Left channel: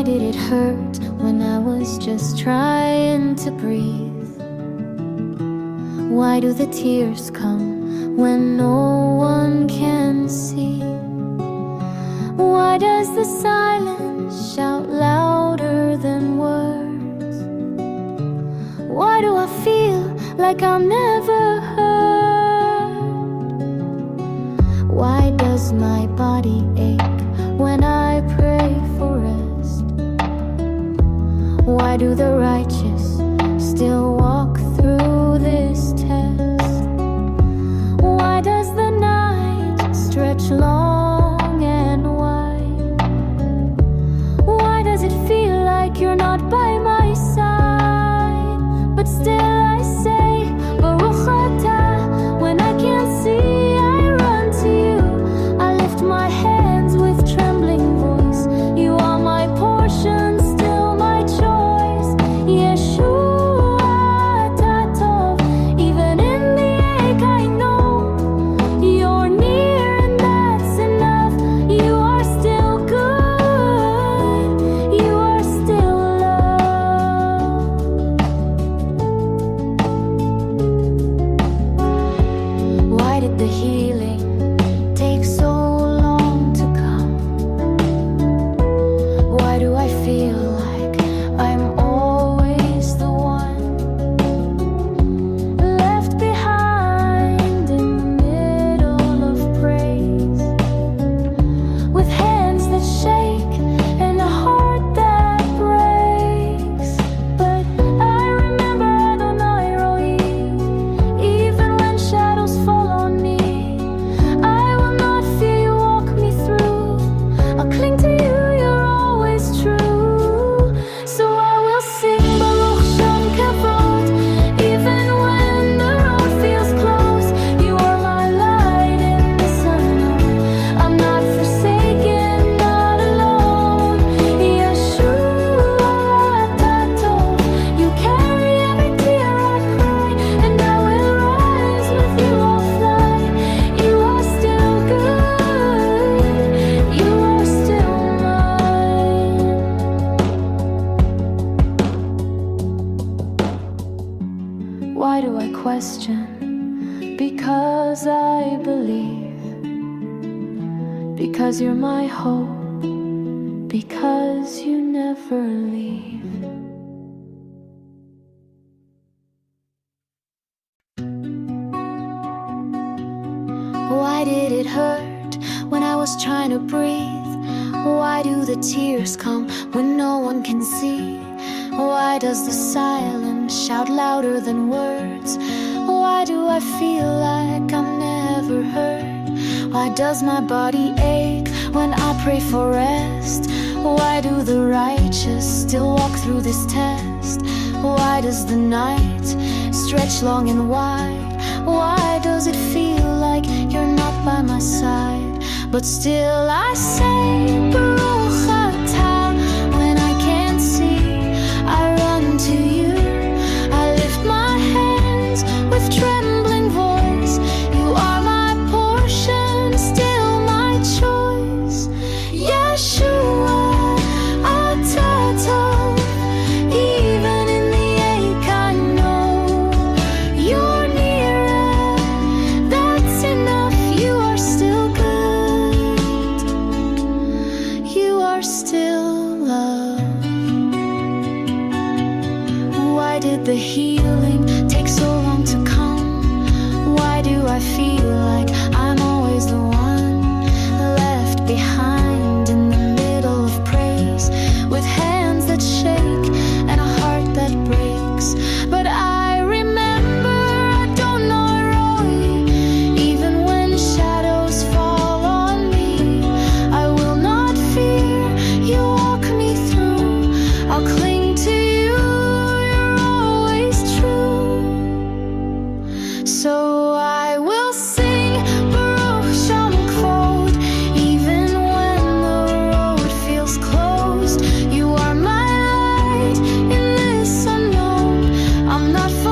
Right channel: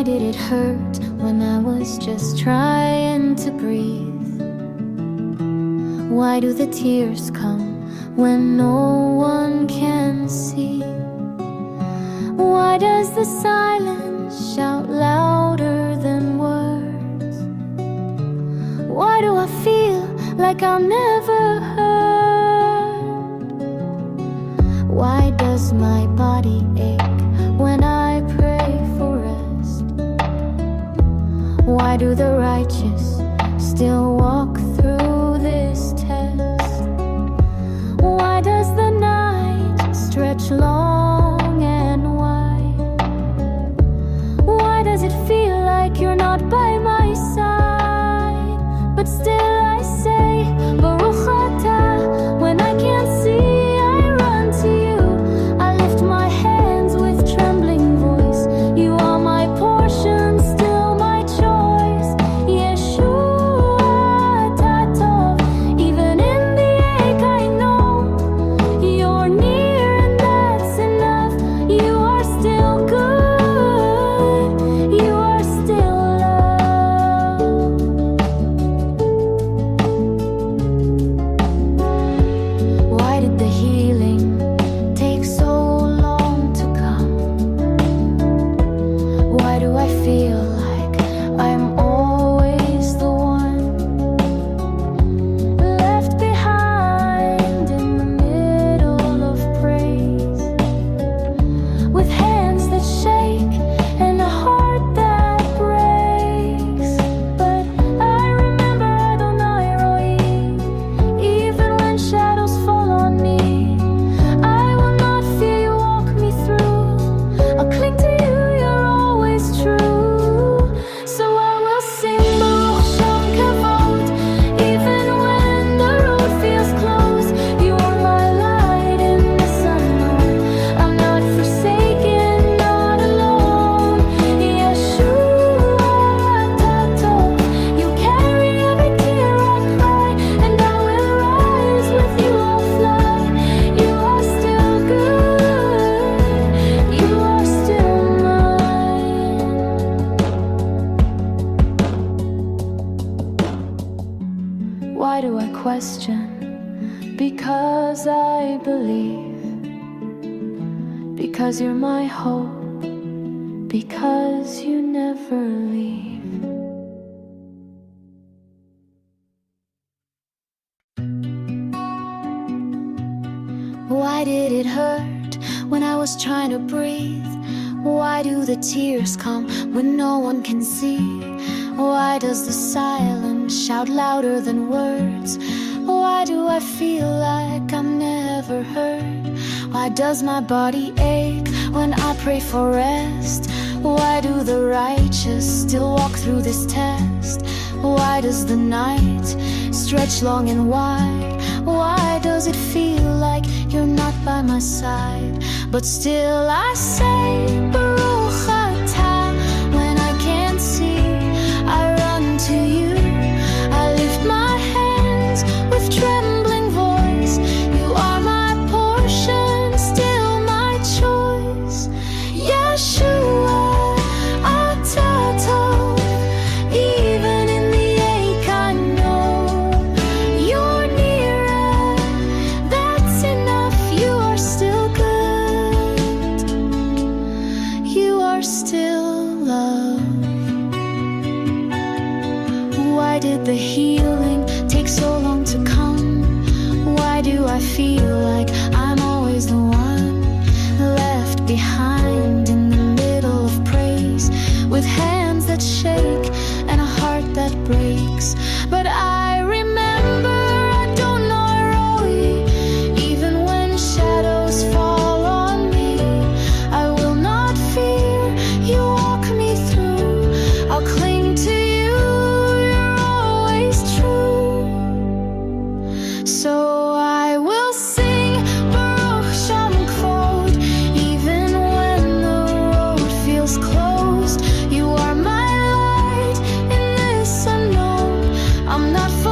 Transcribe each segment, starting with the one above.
Why did it hurt when I was just trying to breathe? Why do the tears come when no one can see? Why does the silence shout louder than words? Why do I feel like I'm never heard? Why does my body ache when I pray for rest? Why do the righteous still walk through this test? Why does the night stretch long and wide? Why does it feel like you're not by my side? But still I say, Baruch Atah. When I can't see, I run to you. I lift my hands with trembling voice. You are my portion, still my choice. Yeshua, Tatov. Even in the ache I know you're near, and that's enough. You are still good. You are still love. Why did the healing take so long to come? Why do I feel like I'm always the one left behind in the middle of praise, with hands that shake and a heart that breaks? But I remember Adonai Roi, even when shadows fall on me. I will not fear, you walk me through. I'll cling to you, you're always true. So I will sing Baruch Shem Kavod, even when the road feels close. You are my light in this unknown. I'm not forsaken, not alone. Yeshua, Tatov. You carry every tear I cry, and I will rise with you, I'll fly. You are still good. You are still mine. Why do I question? Because I believe. Because you're my hope. Because you never leave. Why did it hurt when I was trying to breathe? Why do the tears come when no one can see? Why does the silence shout louder than words? Why do I feel like I'm never heard? Why does my body ache when I pray for rest? Why do the righteous still walk through this test? Why does the night stretch long and wide? Why does it feel like you're not by my side? But still I say, Baruch Atah. When I can't see, I run to you. I lift my hands with trembling voice. You are my portion, still my choice. Yeshua, Tatov. Even in the ache I know you're near, and that's enough. You are still good. You are still love. Why did the healing take so long to come? Why do I feel like I'm always the one left behind in the middle of praise, with hands that shake and a heart that breaks? But I remember Adonai Roi, even when shadows fall on me. I will not fear, you walk me through. I'll cling to you, you're always true. So I will sing Baruch Shem Kvod, even when the road feels closed. You are my light in this unknown. I'm not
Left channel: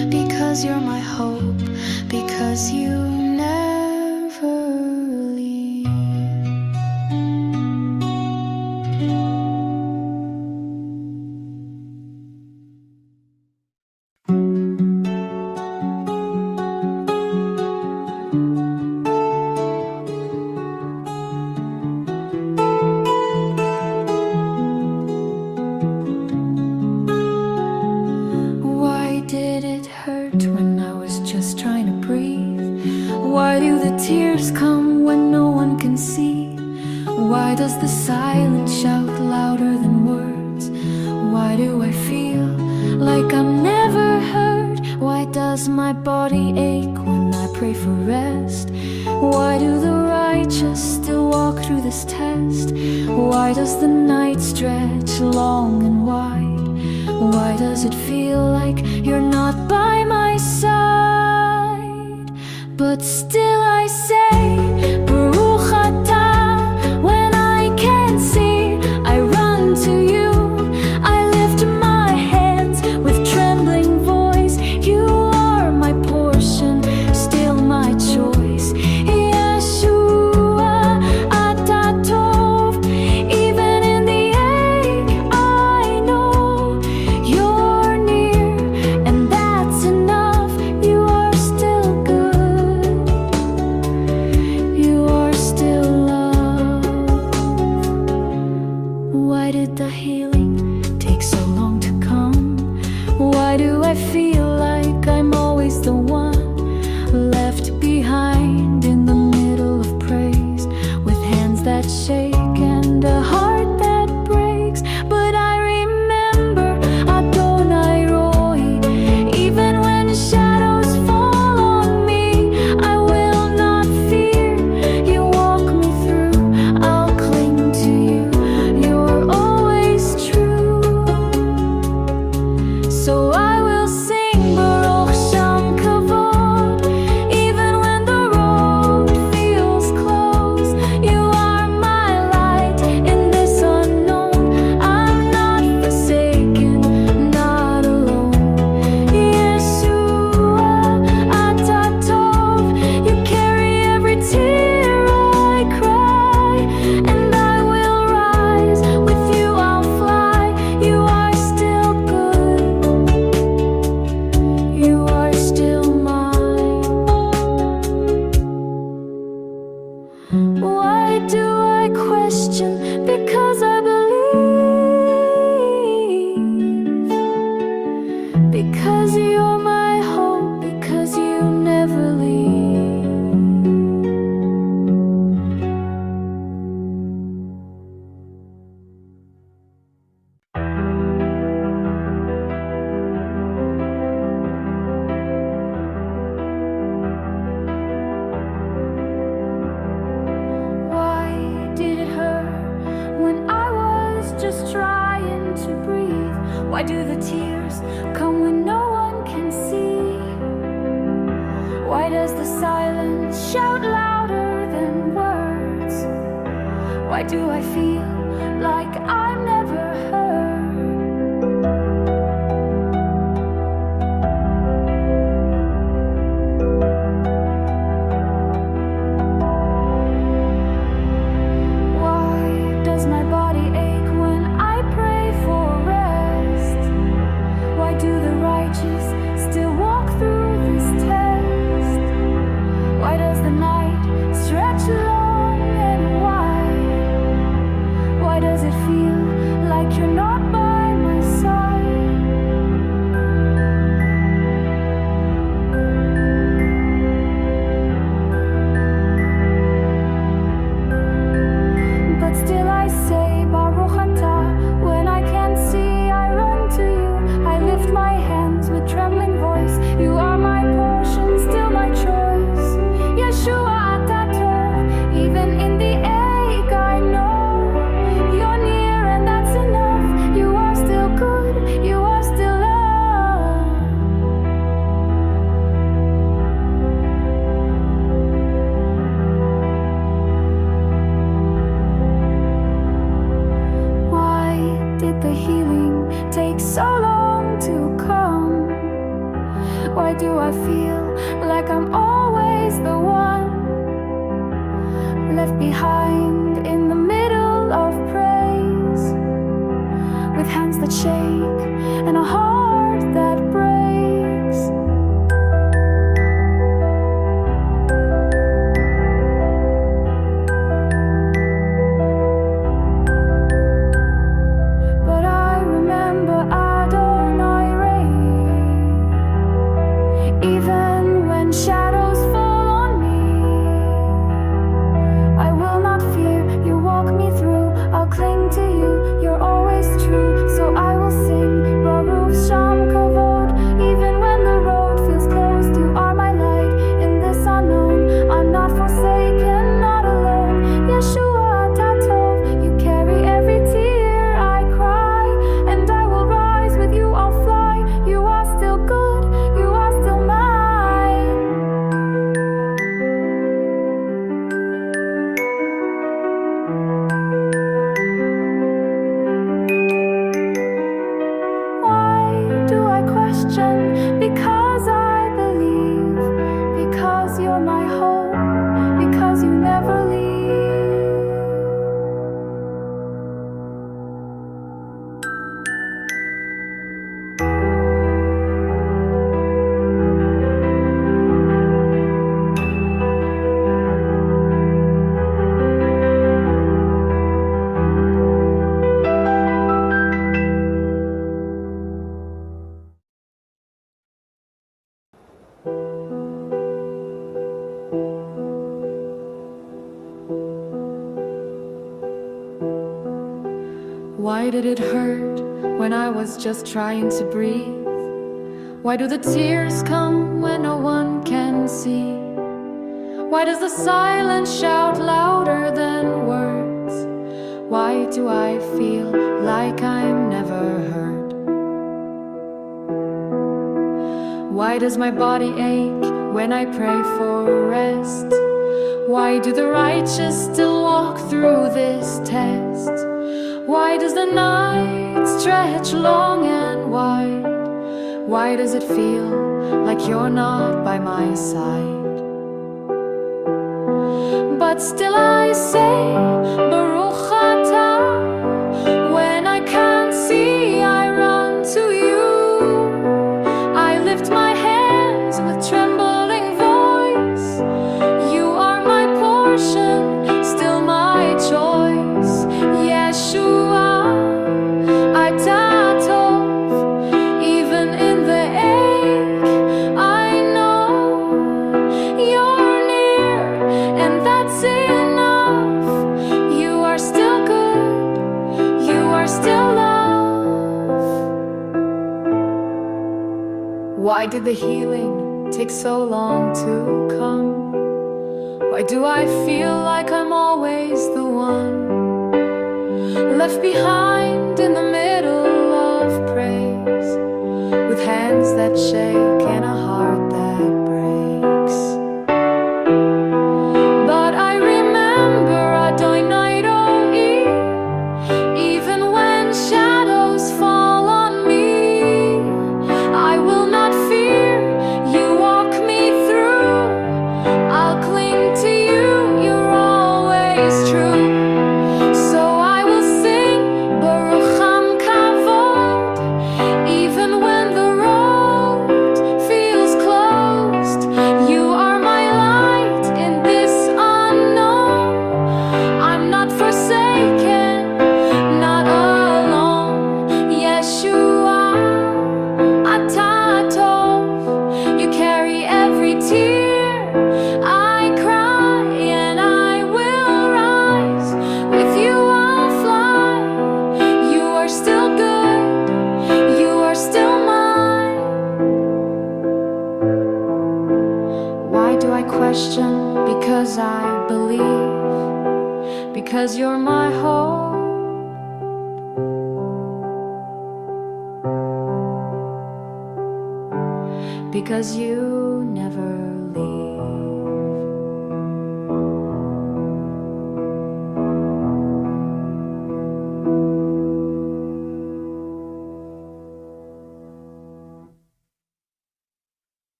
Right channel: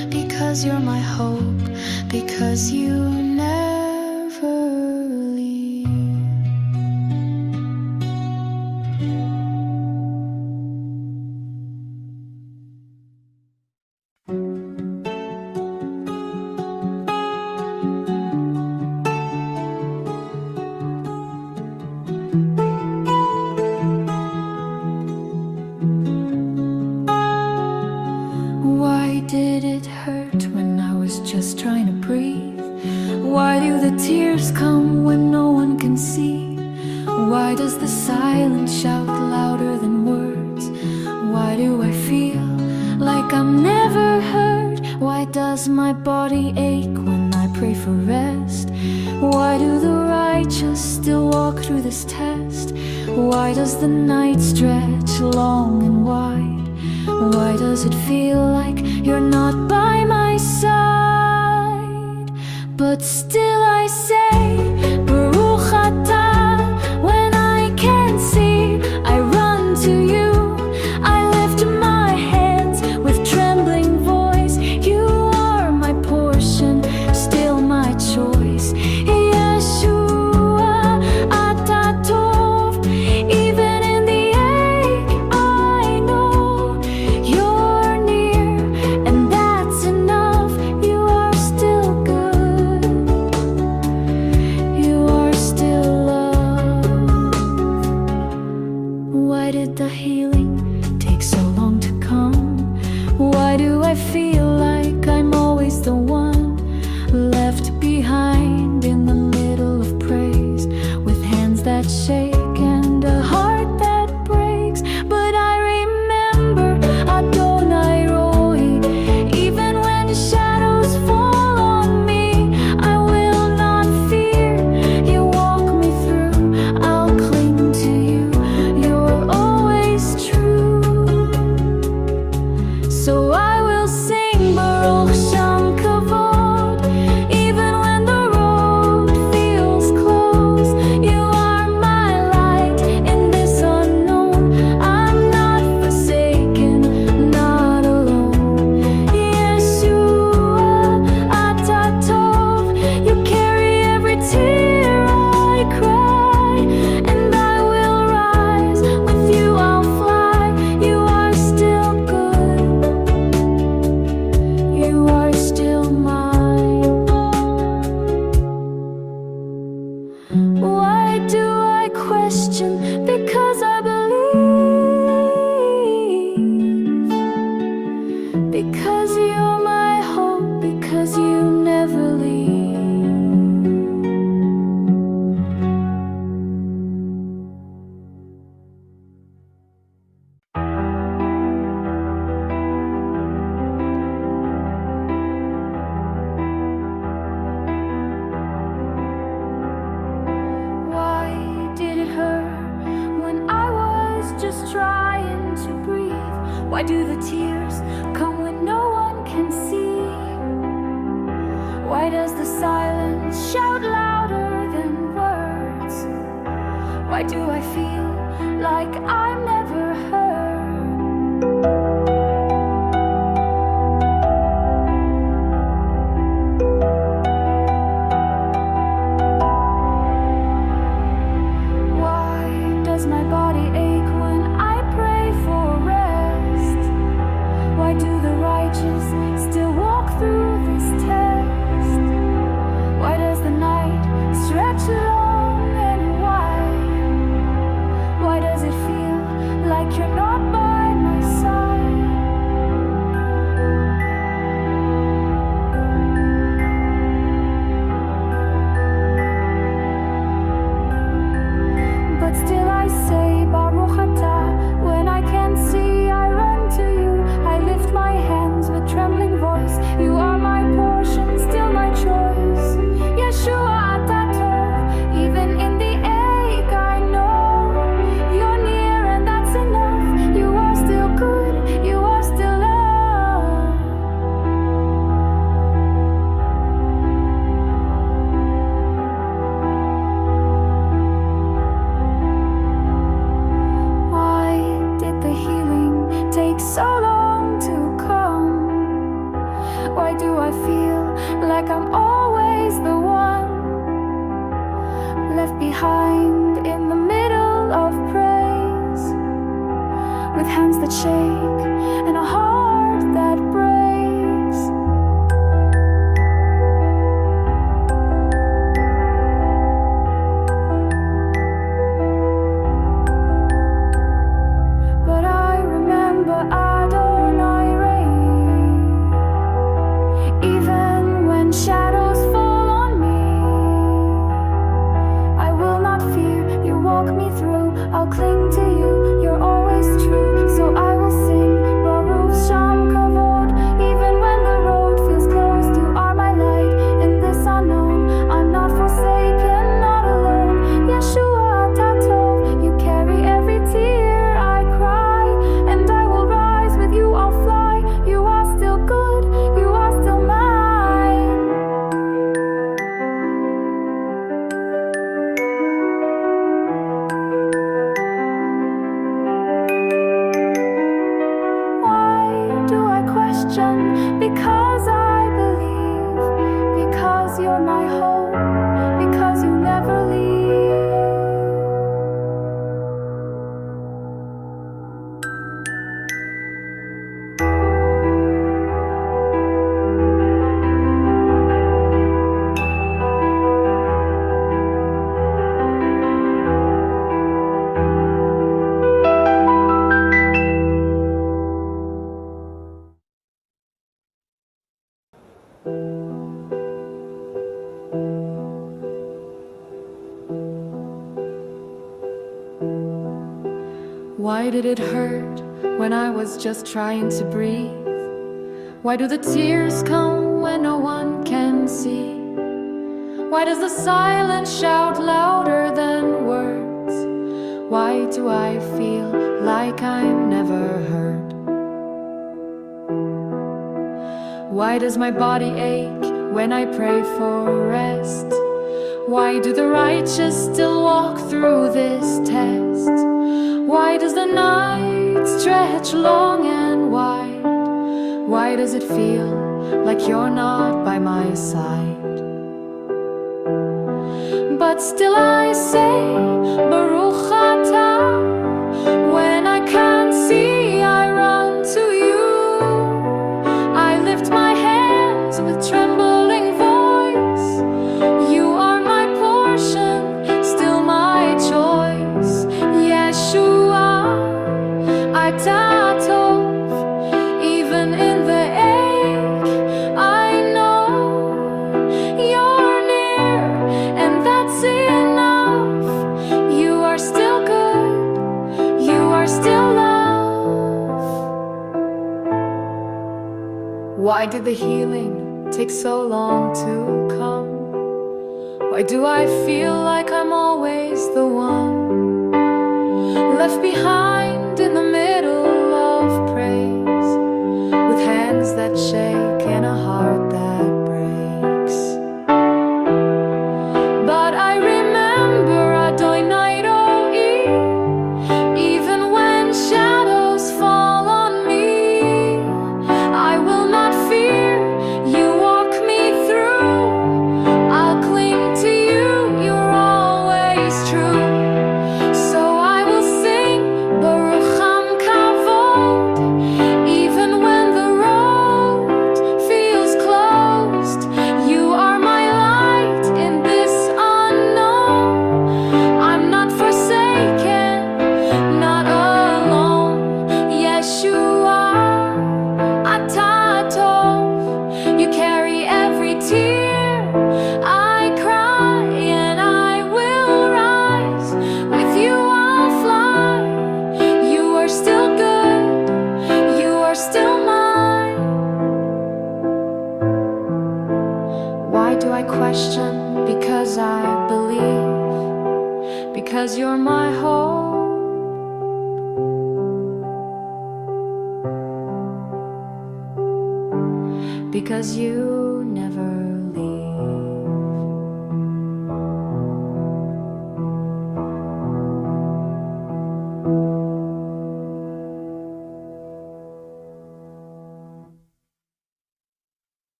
because you're my hope, because you never leave. Why did it hurt when I was just trying to breathe? Why do the tears come when no one can see? Why does the silence shout louder than words? Why do I feel like I'm never heard? Why does my body ache when I pray for rest? Why do the righteous still walk through this test? Why does the night stretch long and wide? Why does it feel like you're not by my side? But still I say, Baruch Atah. When I can't see, I run to you. I lift my hands with trembling voice. You are my portion, still my choice. Yeshua, Atah Tov. Even in the ache, I know you're near, and that's enough. You are still good. You are still love. Why did the healing take so long to come? Why do I feel like I'm always the one left behind in the middle of praise, with hands that shake and a heart that breaks? But I remember Adonai Roi. Even when shadows fall on me, I will not fear. You walk me through, I'll cling to you. You're always true. So I will sing Baruch Shem Kavod. Even when the road feels closed, you are my light in this unknown. I'm not forsaken, not alone. Yeshua, Atah Tov. You carry every tear I cry, and I will rise. With you I'll fly. You are still good. You are still mine. Why do I question? Because I believe. Because you're my hope, because you never leave. Why did it hurt when I was just trying to breathe? Why do the tears come when no one can see? Why does the silence shout louder than words? Why do I feel like I'm never heard? Why does my body ache when I pray for rest? Why do the righteous still walk through this test? Why does the night stretch long and wide? Why does it feel like you're not by my side? But still I say, Baruch Atah. When I can't see, I run to you. I lift my hands with trembling voice. You are my portion, still my choice. Yeshua, Atah Tov. Even in the ache, I know you're near, and that's enough. You are still good. You are still love. Why did the healing take so long to come? Why do I feel like I'm always the one left behind in the middle of praise, with hands that shake and a heart that breaks? But I remember Adonai reign, even when shadows fall on me. I will not fear, you walk me through. I'll cling to you, you're always true. So I will sing Baruch Sham Kavod, even when the road feels closed. You are my light in this unknown. I'm not forsaken, not alone. Yeshua Tatov, you carry every tear I cry, and I will rise with you, I'll fly. You are still good, you are still mine. Why do I question? Because I believe, because you're my hope, because you never leave. Why did it hurt when I was just trying to breathe? Why do the tears come when no one can see? Why does the silence shout louder than words? Why do I feel like I'm never heard? Why does my body ache when I pray for rest? Why do the righteous still walk through this test? Why does the night stretch long and wide? Why does it feel like you're not by my side? But still I say, Baruch Atah. When I can't see, I run to you. I lift my hands with trembling voice. You are my portion, still my choice. Yeshua, Atah Tov, even in the ache, I know you're near, and that's enough. You are still good, you are still love. Why did the healing take so long to come? Why do I feel like I'm always the one left behind in the middle of praise, with hands that shake and a heart that breaks? But I remember Adonai Ro'i, even when shadows fall on me. I will not fear, you walk me through. I'll cling to you, you're always true. So I will sing Baruch Ham Kavod, even when the road feels closed. You are my light in this unknown. I'm not forsaken, not alone. Yeshua, Atah Tov, you carry every tear I cry, and I will rise. With you I'll fly. You are still good, you are still mine. Why do I question? Because I believe, because you're my hope, because you never leave.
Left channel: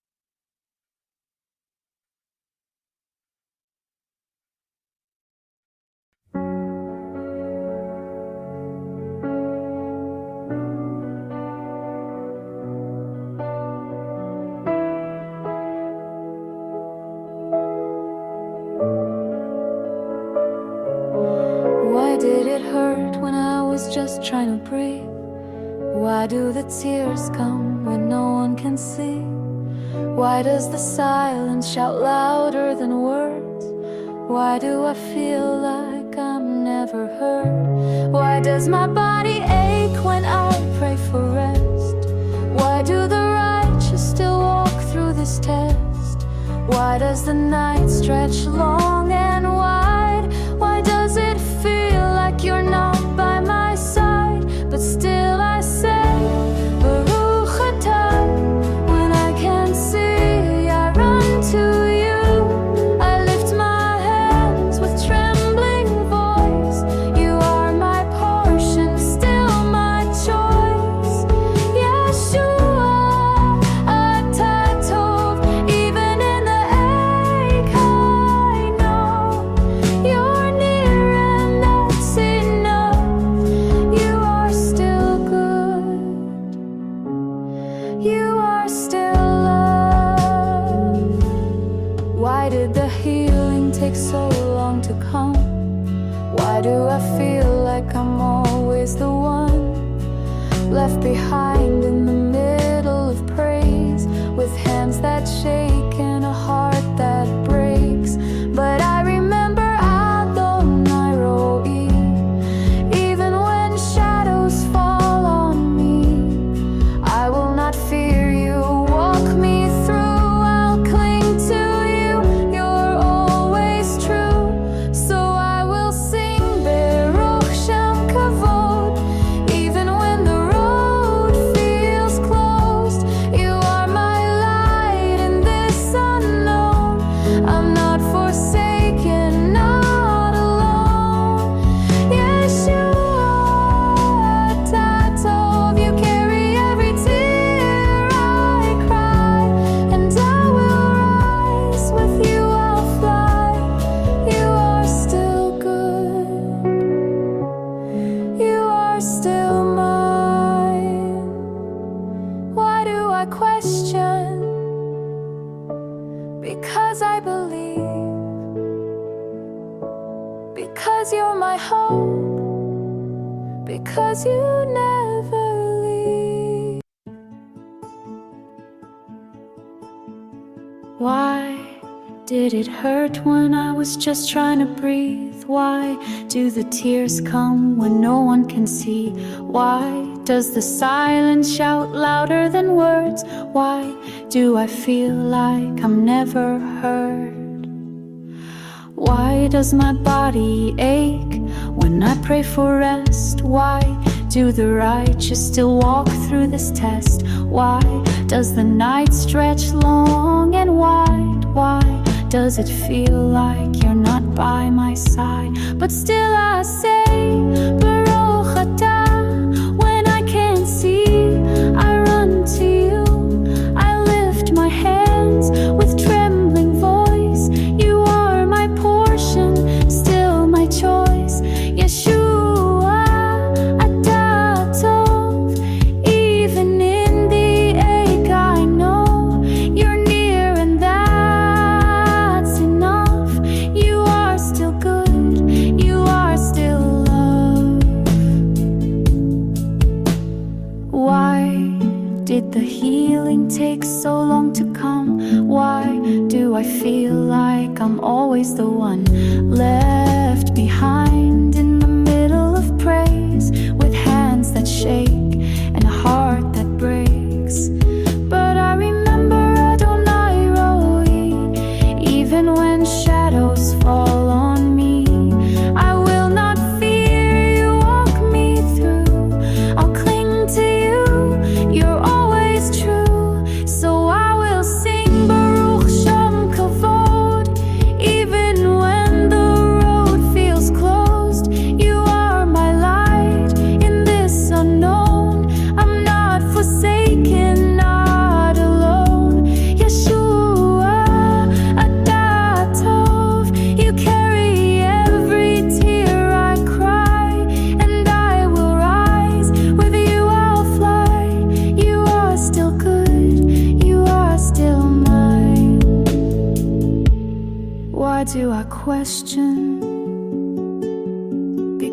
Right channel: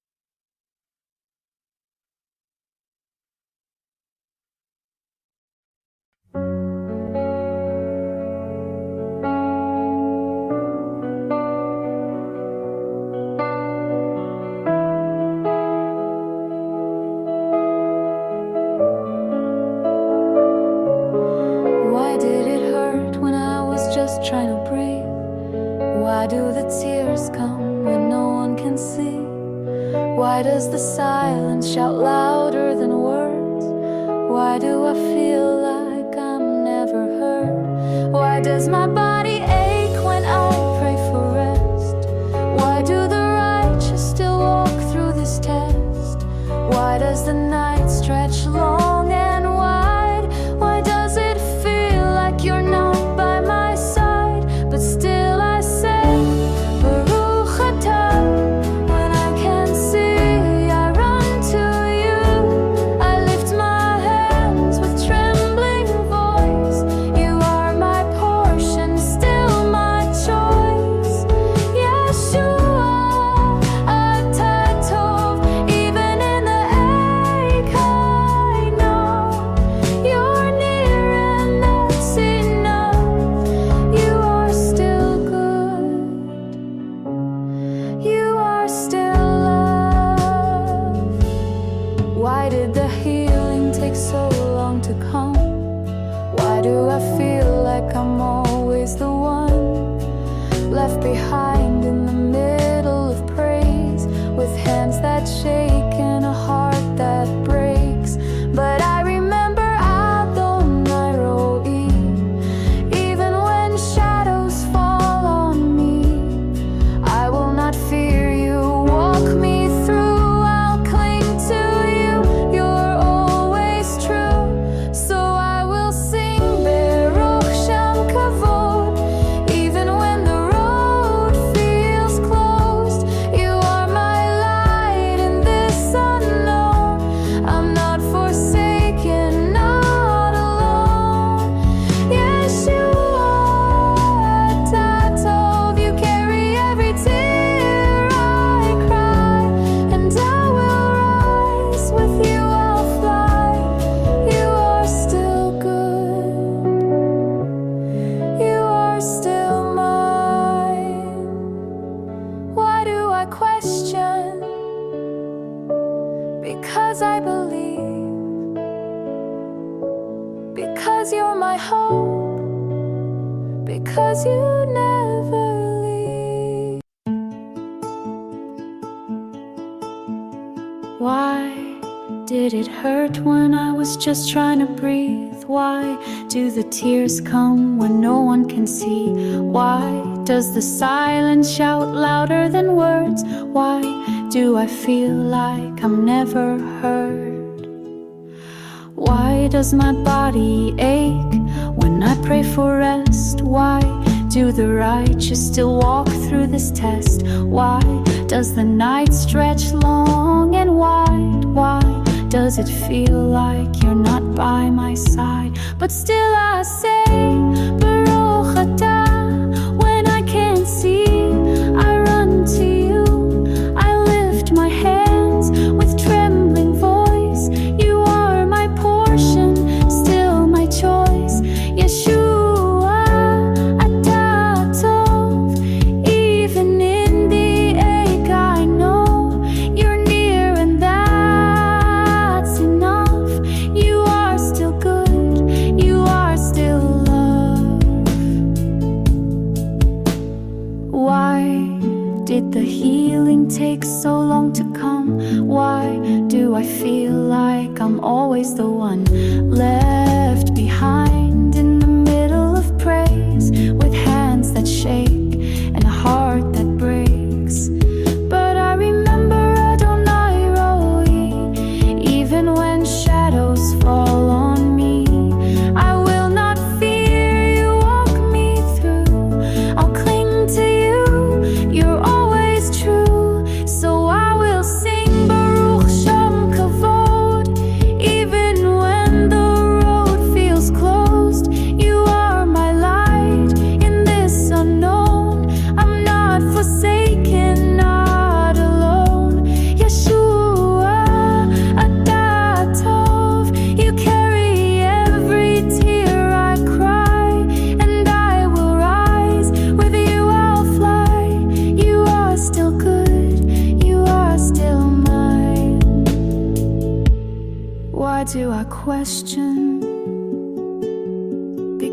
Why did it hurt when I was just trying to breathe? Why do the tears come when no one can see? Why does the silence shout louder than words? Why do I feel like I'm never heard? Why does my body ache when I pray for rest? Why do the righteous still walk through this test? Why does the night stretch long and wide? Why does it feel like you're not by my side? But still I say, Baruch atah. When I can't see, I run to you. I lift my hands with trembling voice. You are my portion, still my choice. Yeshua, atah tov. Even in the ache, I know you're near and that's enough. You are still good. You are still love. Why did the healing take so long to come? Why do I feel like I'm always the one left behind in the middle of praise, with hands that shake and a heart that breaks? But I remember Adonai Ro'i, even when shadows fall on me. I will not fear you, walk me through. I'll cling to you, you're always true. So I will sing Baruch Shem Kavod, even when the road feels closed. You are my light in this unknown. I'm not forsaken, not alone. Yeshua, atah tov. You carry every tear I cry, and I will rise. With you I'll fly. You are still good. You are still mine. Why do I question? Because I believe. Because you're my hope. Because you never leave. Why did it hurt when I was just trying to breathe? Why do the tears come when no one can see? Why does the silence shout louder than words? Why do I feel like I'm never heard? Why does my body ache when I pray for rest? Why do the righteous still walk through this test? Why does the night stretch long and wide? Why does it feel like you're not by my side? But still I say, Baruch atah. When I can't see, I run to you. I lift my hands with trembling voice. You are my portion, still my choice. Yeshua, atah tov. Even in the ache, I know you're near and that's enough. You are still good. You are still love. Why did the healing take so long to come? Why do I feel like I'm always the one left behind in the middle of praise, with hands that shake and a heart that breaks? But I remember Adonai Ro'i, even when shadows fall on me. I will not fear, you walk me through. I'll cling to you, you're always true. So I will sing Baruch Shem Kavod, even when the road feels closed. You are my light in this unknown. I'm not forsaken, not alone. Yeshua, atah tov. You carry every tear I cry, and I will rise. With you I'll fly. You are still good. You are still mine. Why do I question?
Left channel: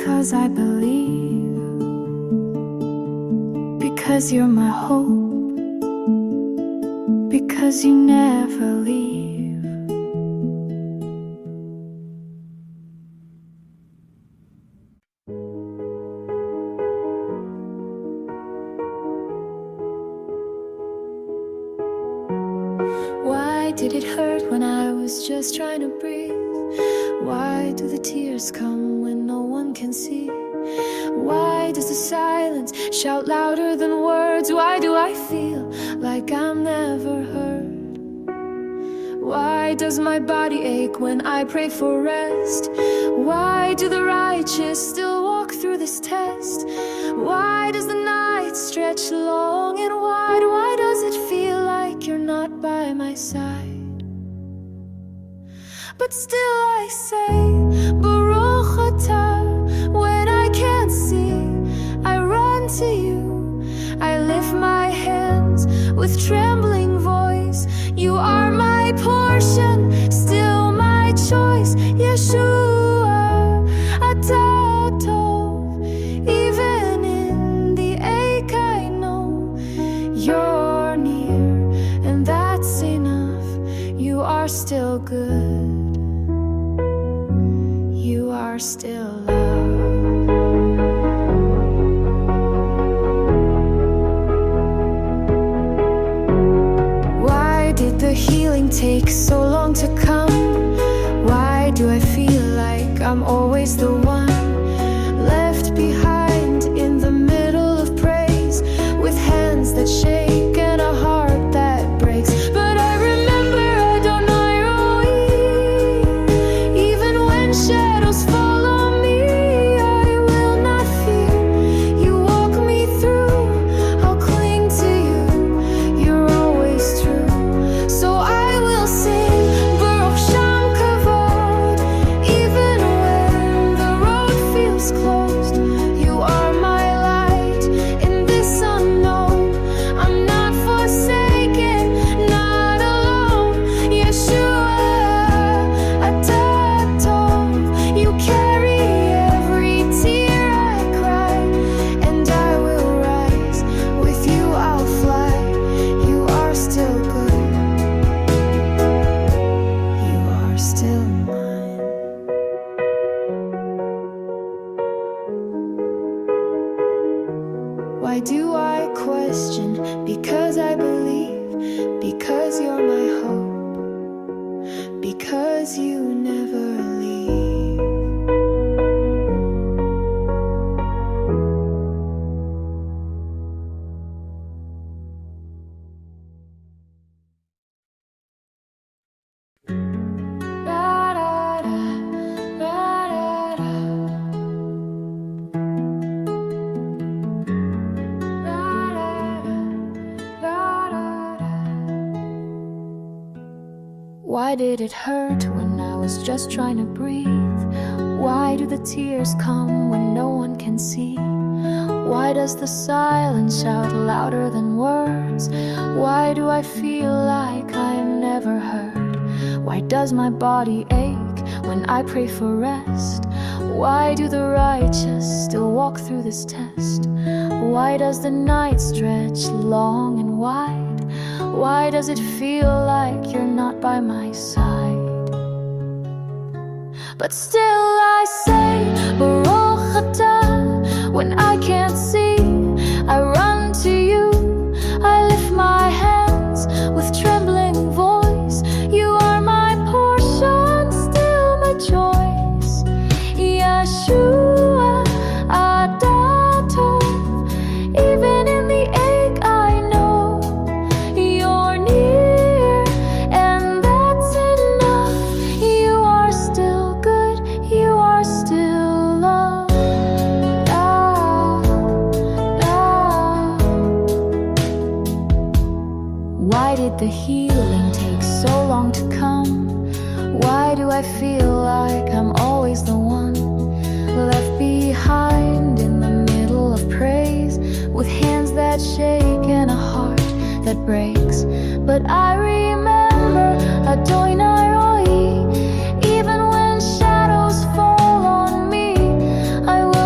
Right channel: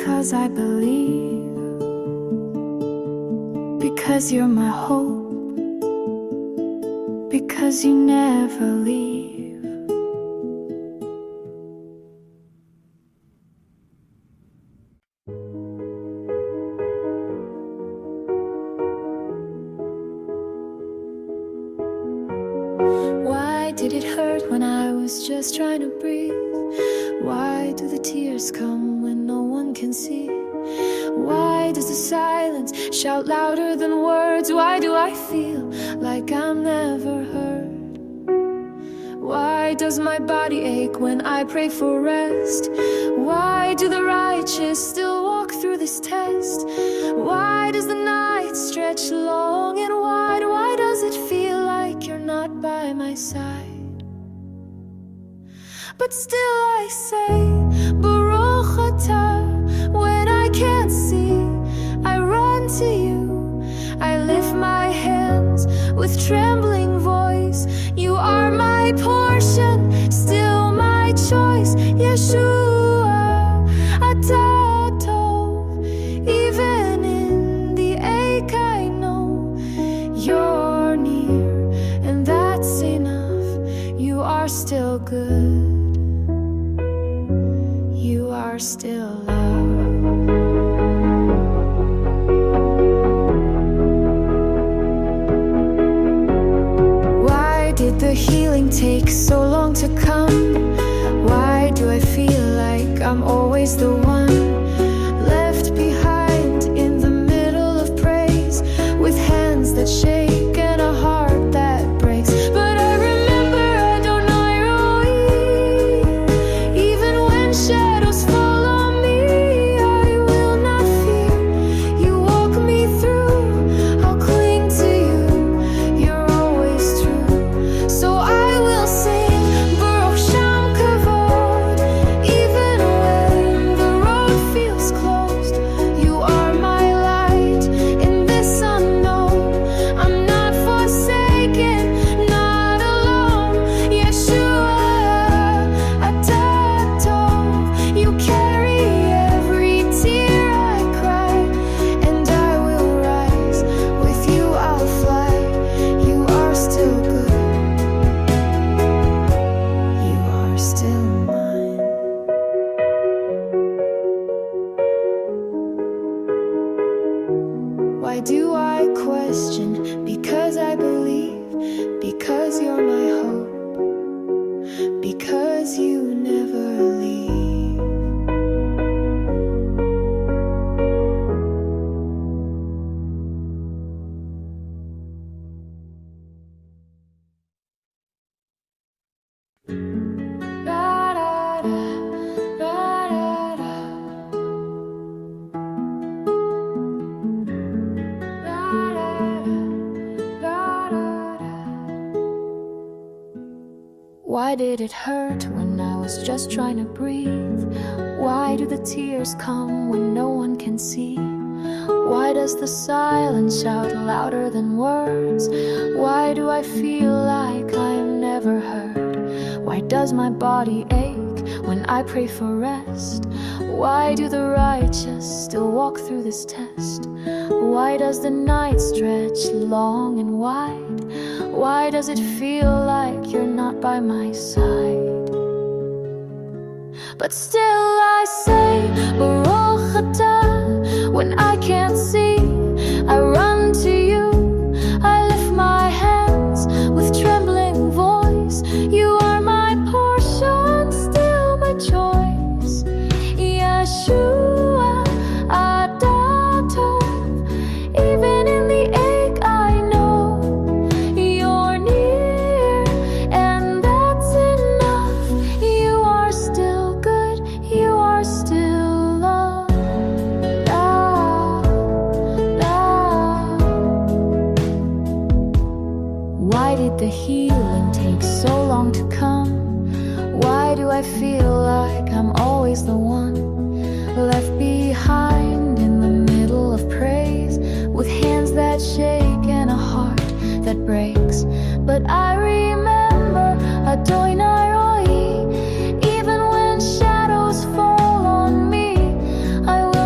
because I believe, because you're my hope, because you never leave. Why did it hurt when I was just trying to breathe? Why do the tears come when no one can see? Why does the silence shout louder than words? Why do I feel like I'm never heard? Why does my body ache when I pray for rest? Why do the righteous still walk through this test? Why does the night stretch long and wide? Why does it feel like you're not by my side? But still I say, Baruch Atah. When I can't see, I run to you. I lift my hands with trembling voice. You are my portion, still my choice. Yeshua, Atah Tov. Even in the ache I know you're near, and that's enough. You are still good. You are still love. Why did the healing take so long to come? Why do I feel like I'm always the one left behind in the middle of praise, with hands that shake and a heart that breaks? But I remember Adonai Roi. Even when shadows fall on me, I will not fear. You walk me through, I'll cling to you. You're always true. So I will sing Baruch Sham Kavod. Even when the road feels closed, you are my light in this unknown. I'm not forsaken, not alone. Yeshua, Atah Tov. You carry every tear I cry, and I will rise. With you I'll fly. You are still good. You are still mine. Why do I question? Because I believe, because you're my hope, because you never leave. Why did it hurt when I was just trying to breathe? Why do the tears come when no one can see? Why does the silence shout louder than words? Why do I feel like I'm never heard? Why does my body ache when I pray for rest? Why do the righteous still walk through this test? Why does the night stretch long and wide? Why does it feel like you're not by my side? But still I say, Baruch Atah. When I can't see, I run to you. I lift my hands with trembling voice. You are my portion, still my choice. Yeshua, Atah Tov. Even in the ache I know you're near, and that's enough. You are still good, you are still love. Why did the healing take so long to come? Why do I feel like I'm always the one left behind in the middle of praise, with hands that shake and a heart that breaks? But I remember Adonai Roi. Even when shadows fall on me, I will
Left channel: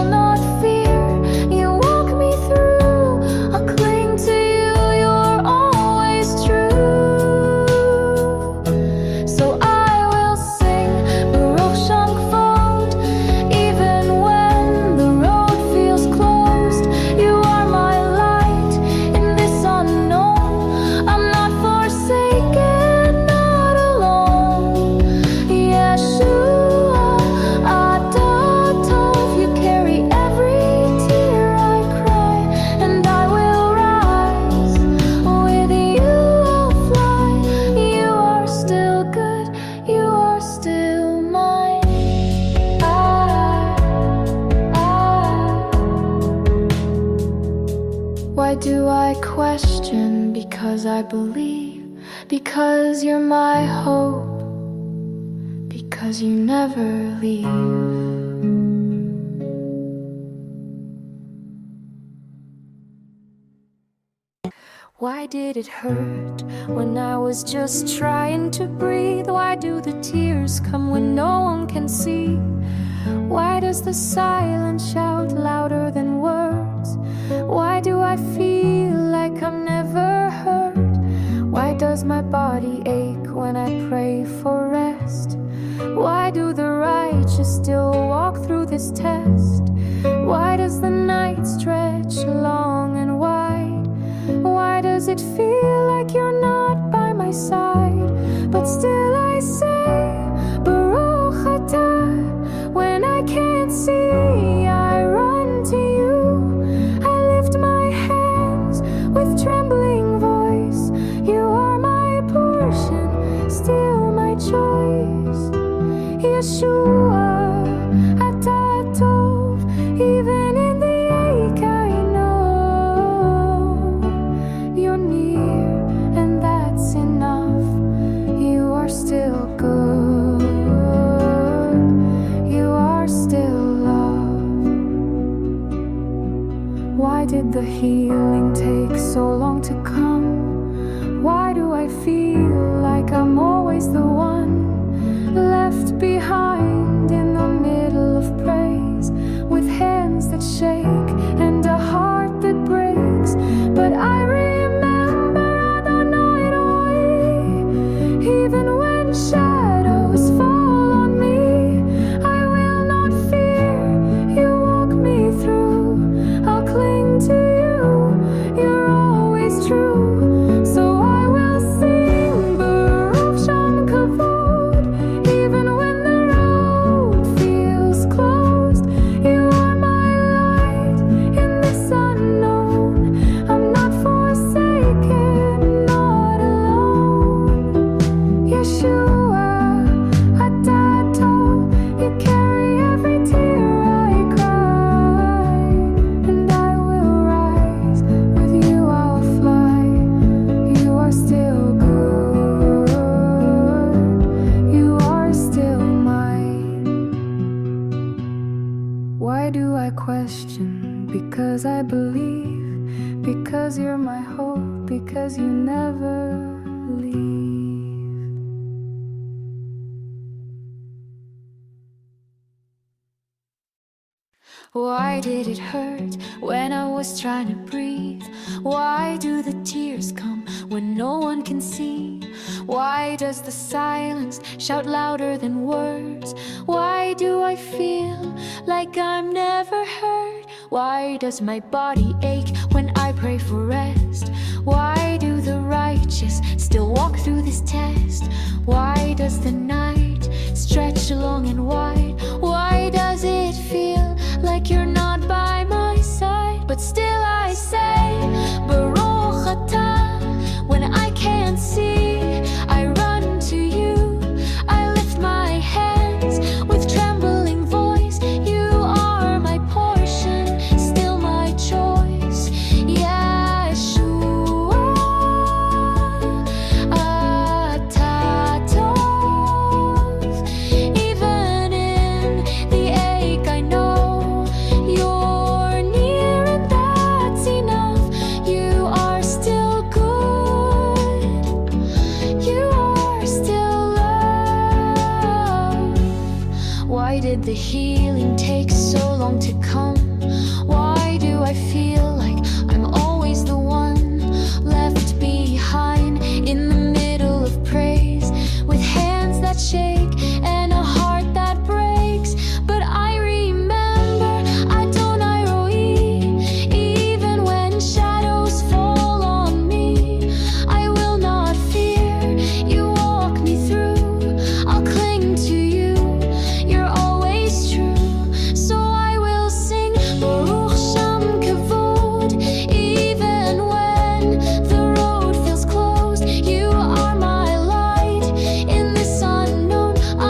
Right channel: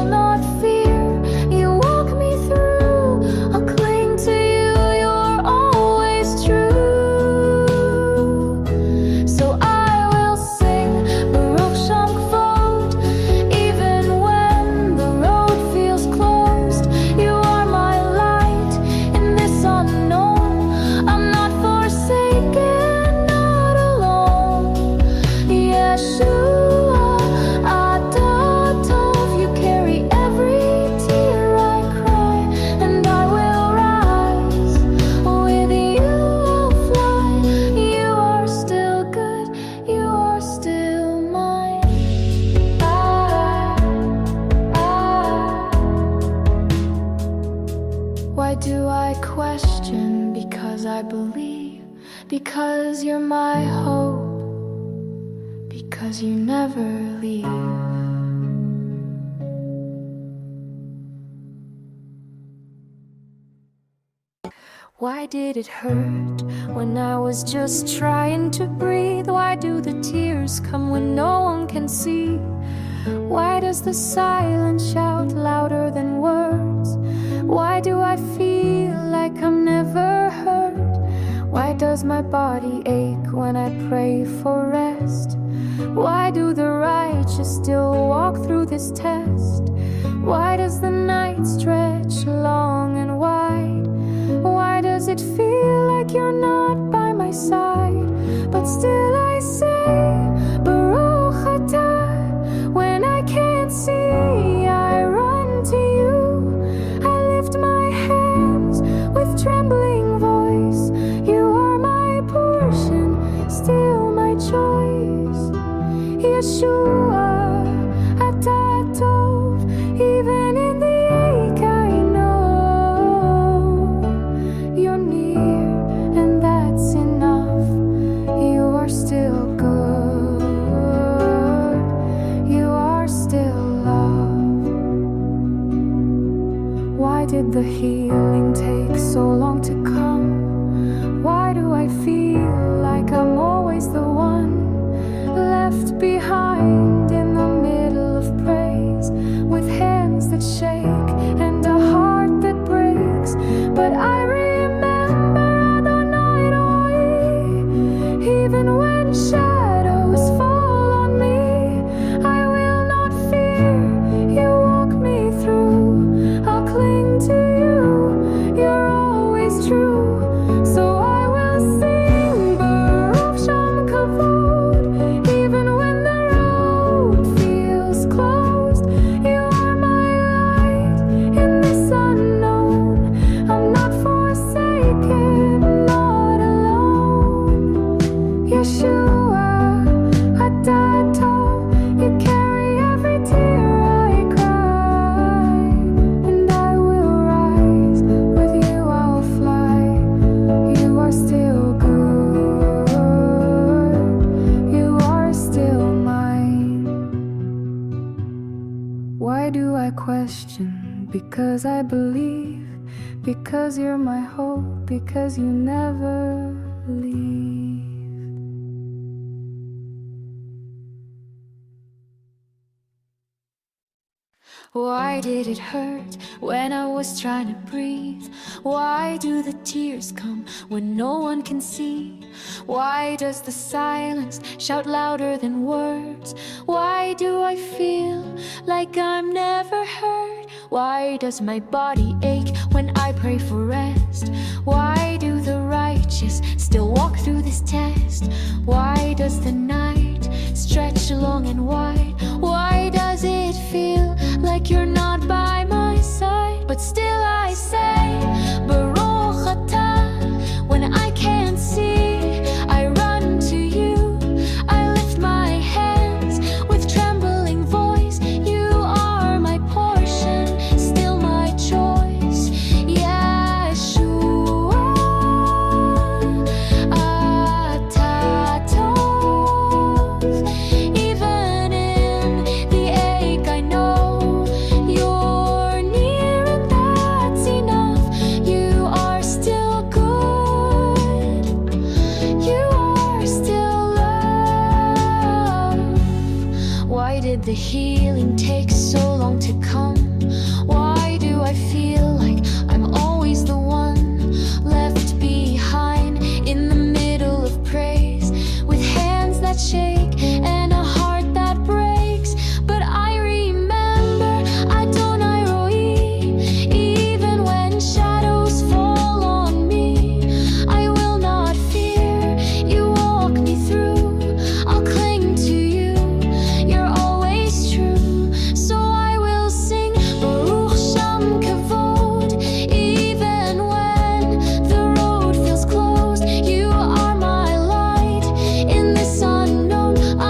Why do I question? Because I believe, because you're my hope, because you never leave. Why did it hurt when I was just trying to breathe? Why do the tears come when no one can see? Why does the silence shout louder than words? Why do I feel like I'm never heard? Why does my body ache when I pray for rest? Why do the righteous still walk through this test? Why does the night stretch long and wide? Why does it feel like you're not by my side? But still I say, Baruch atah. When I can't see, I run to you. I lift my hands with trembling voice. You are my portion, still my choice. Yeshua, atah tov. Even in the ache I know you're near, and that's enough. You are still good. You are still love. Why did the healing take so long to come? Why do I feel like I'm always the one left behind in the middle of praise, with hands that shake and a heart that breaks? But I remember Adonai Eloi. Even when shadows fall on me, I will not fear. You walk me through. I'll cling to you. You're always true. So I will sing Baruch Shem Kavod. Even when the road feels closed, you are my light in this unknown. I'm not forsaken, not alone. Yeshua, atah tov. You carry every tear I cry, and I will rise. With you I'll fly. You are still good. You are still mine. Why do I question? Because I believe, because you're my hope, because you never leave. Why did it hurt when I was trying to breathe? Why do the tears come when no one can see? Why does the silence shout louder than words? Why do I feel like I'm never heard? Why does my body ache when I pray for rest? Why do the righteous still walk through this test? Why does the night stretch long and wide? Why does it feel like you're not by my side? But still I say, Baruch atah. When I can't see, I run to you. I lift my hands with trembling voice. You are my portion, still my choice. Yeshua, atah tov. Even in the ache I know you're near, and that's enough. You are still good. You are still love. Why did the healing take so long to come? Why do I feel like I'm always the one left behind in the middle of praise, with hands that shake and a heart that breaks? But I remember Adonai Eloi. Even when shadows fall on me, I will not fear. You walk me through. I'll cling to you. You're always true. So I will sing Baruch Shem Kavod. Even when the road feels closed, you are my light in this unknown.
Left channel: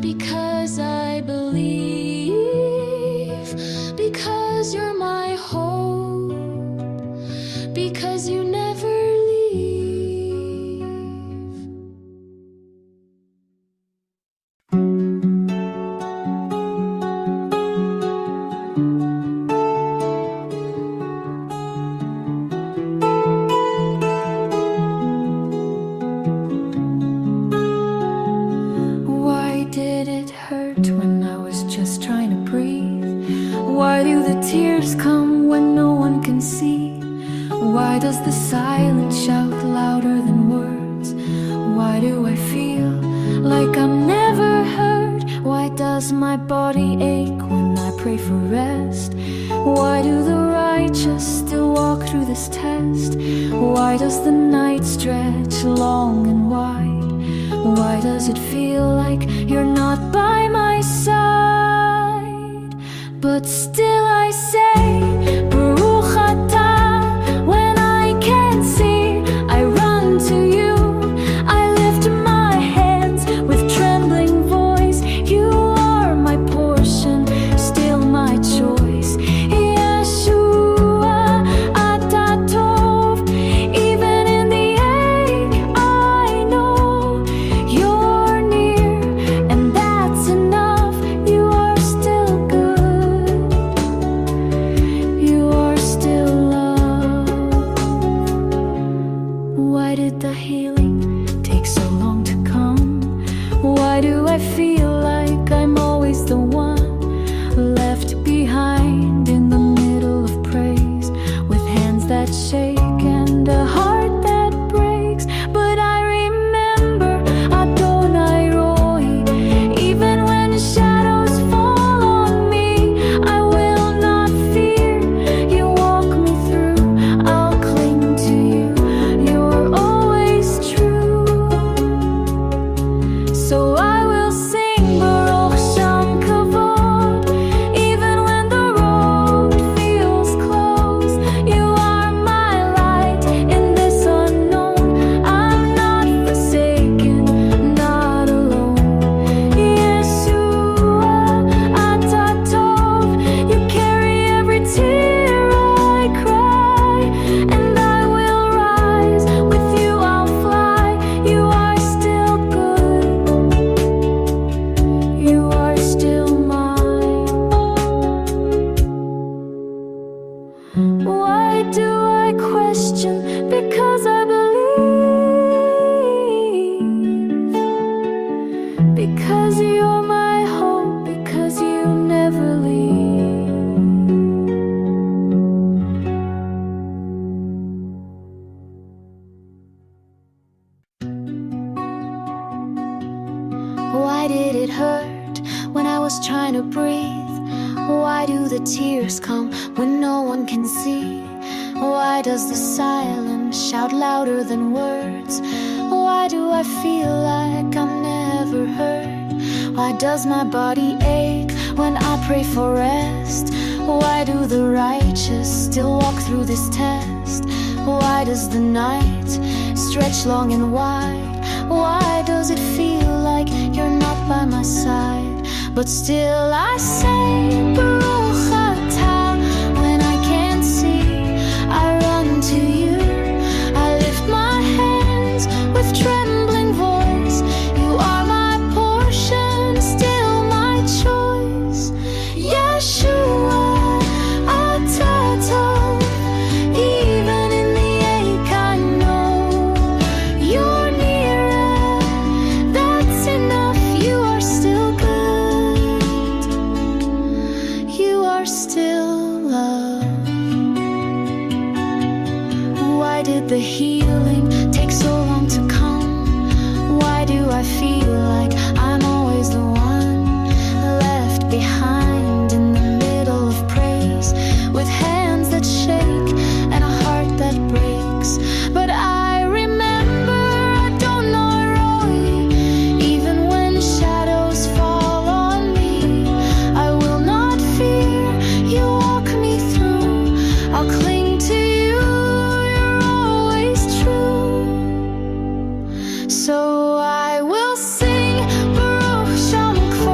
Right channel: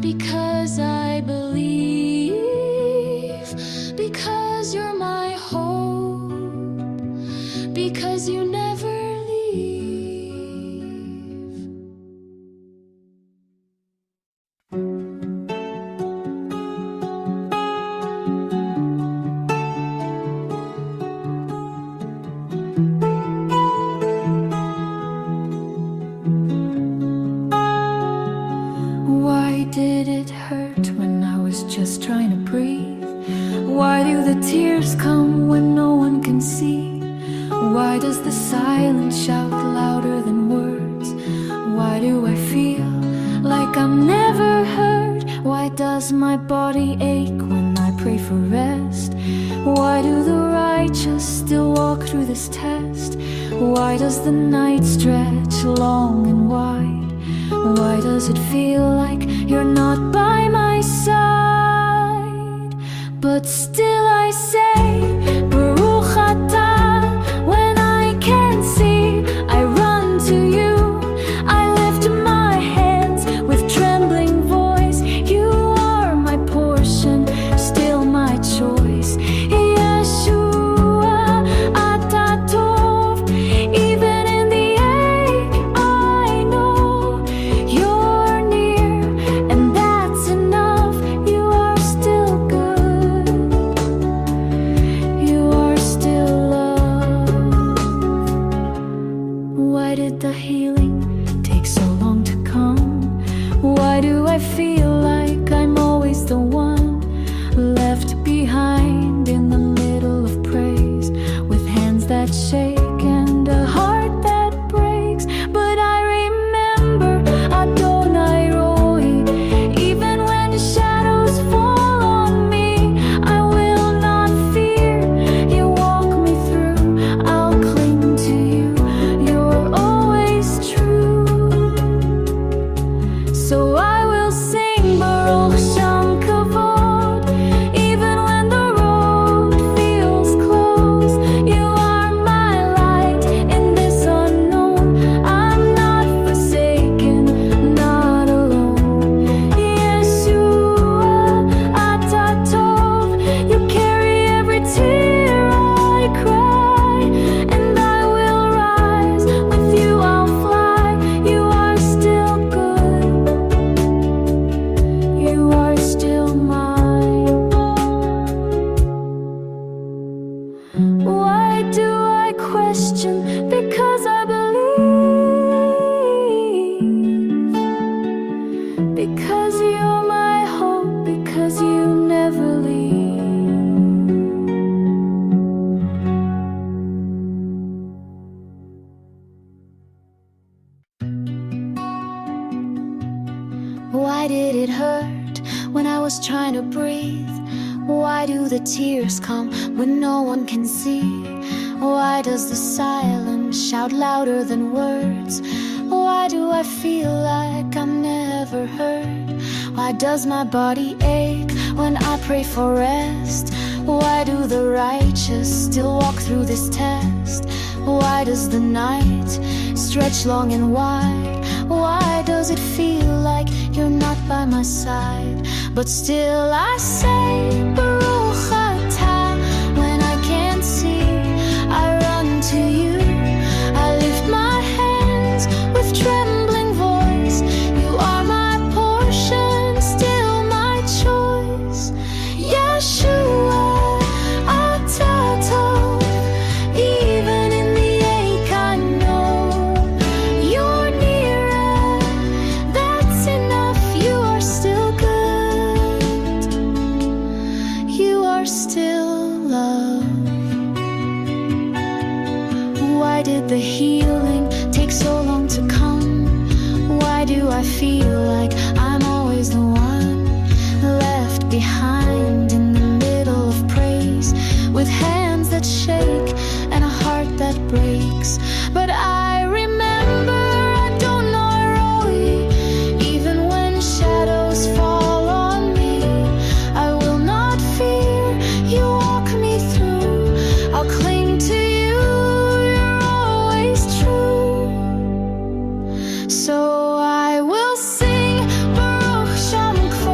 because I believe, because you're my hope, because you never leave. Why did it hurt when I was just trying to breathe? Why do the tears come when no one can see? Why does the silence shout louder than words? Why do I feel like I'm never heard? Why does my body ache when I pray for rest? Why do the righteous still walk through this test? Why does the night stretch long and wide? Why does it feel like you're not by my side? But still I say, Baruch Atah. When I can't see, I run to you. I lift my hands with trembling voice. You are my portion, still my choice. Yeshua, Atah Tov. Even in the ache, I know you're near, and that's enough. You are still good. You are still love. Why did the healing take so long to come? Why do I feel like I'm always the one left behind in the middle of praise, with hands that shake and a heart that breaks? But I remember Adonai Roi. Even when shadows fall on me, I will not fear. You walk me through, I'll cling to you. You're always true. So I will sing Baruch Shem Kavod. Even when the road feels closed, you are my light in this unknown. I'm not forsaken, not alone. Yeshua, Atah Tov. You carry every tear I cry, and I will rise. With you I'll fly. You are still good. You are still mine. Why do I question? Because I believe. Because you're my hope. Because you never leave. Why did it hurt when I was trying to breathe? Why do the tears come when no one can see? Why does the silence shout louder than words? Why do I feel like I'm never heard? Why does my body ache when I pray for rest? Why do the righteous still walk through this test? Why does the night stretch long and wide? Why does it feel like you're not by my side? But still I say, Baruch Atah. When I can't see, I run to you. I lift my hands with trembling voice. You are my portion, still my choice. Yeshua, Atah Tov. Even in the ache, I know you're near, and that's enough. You are still good. You are still love. Why did the healing take so long to come? Why do I feel like I'm always the one left behind in the middle of praise, with hands that shake and a heart that breaks? But I remember Adonai Roi. Even when shadows fall on me, I will not fear. You walk me through, I'll cling to you. You're always true. So I will sing Baruch Shem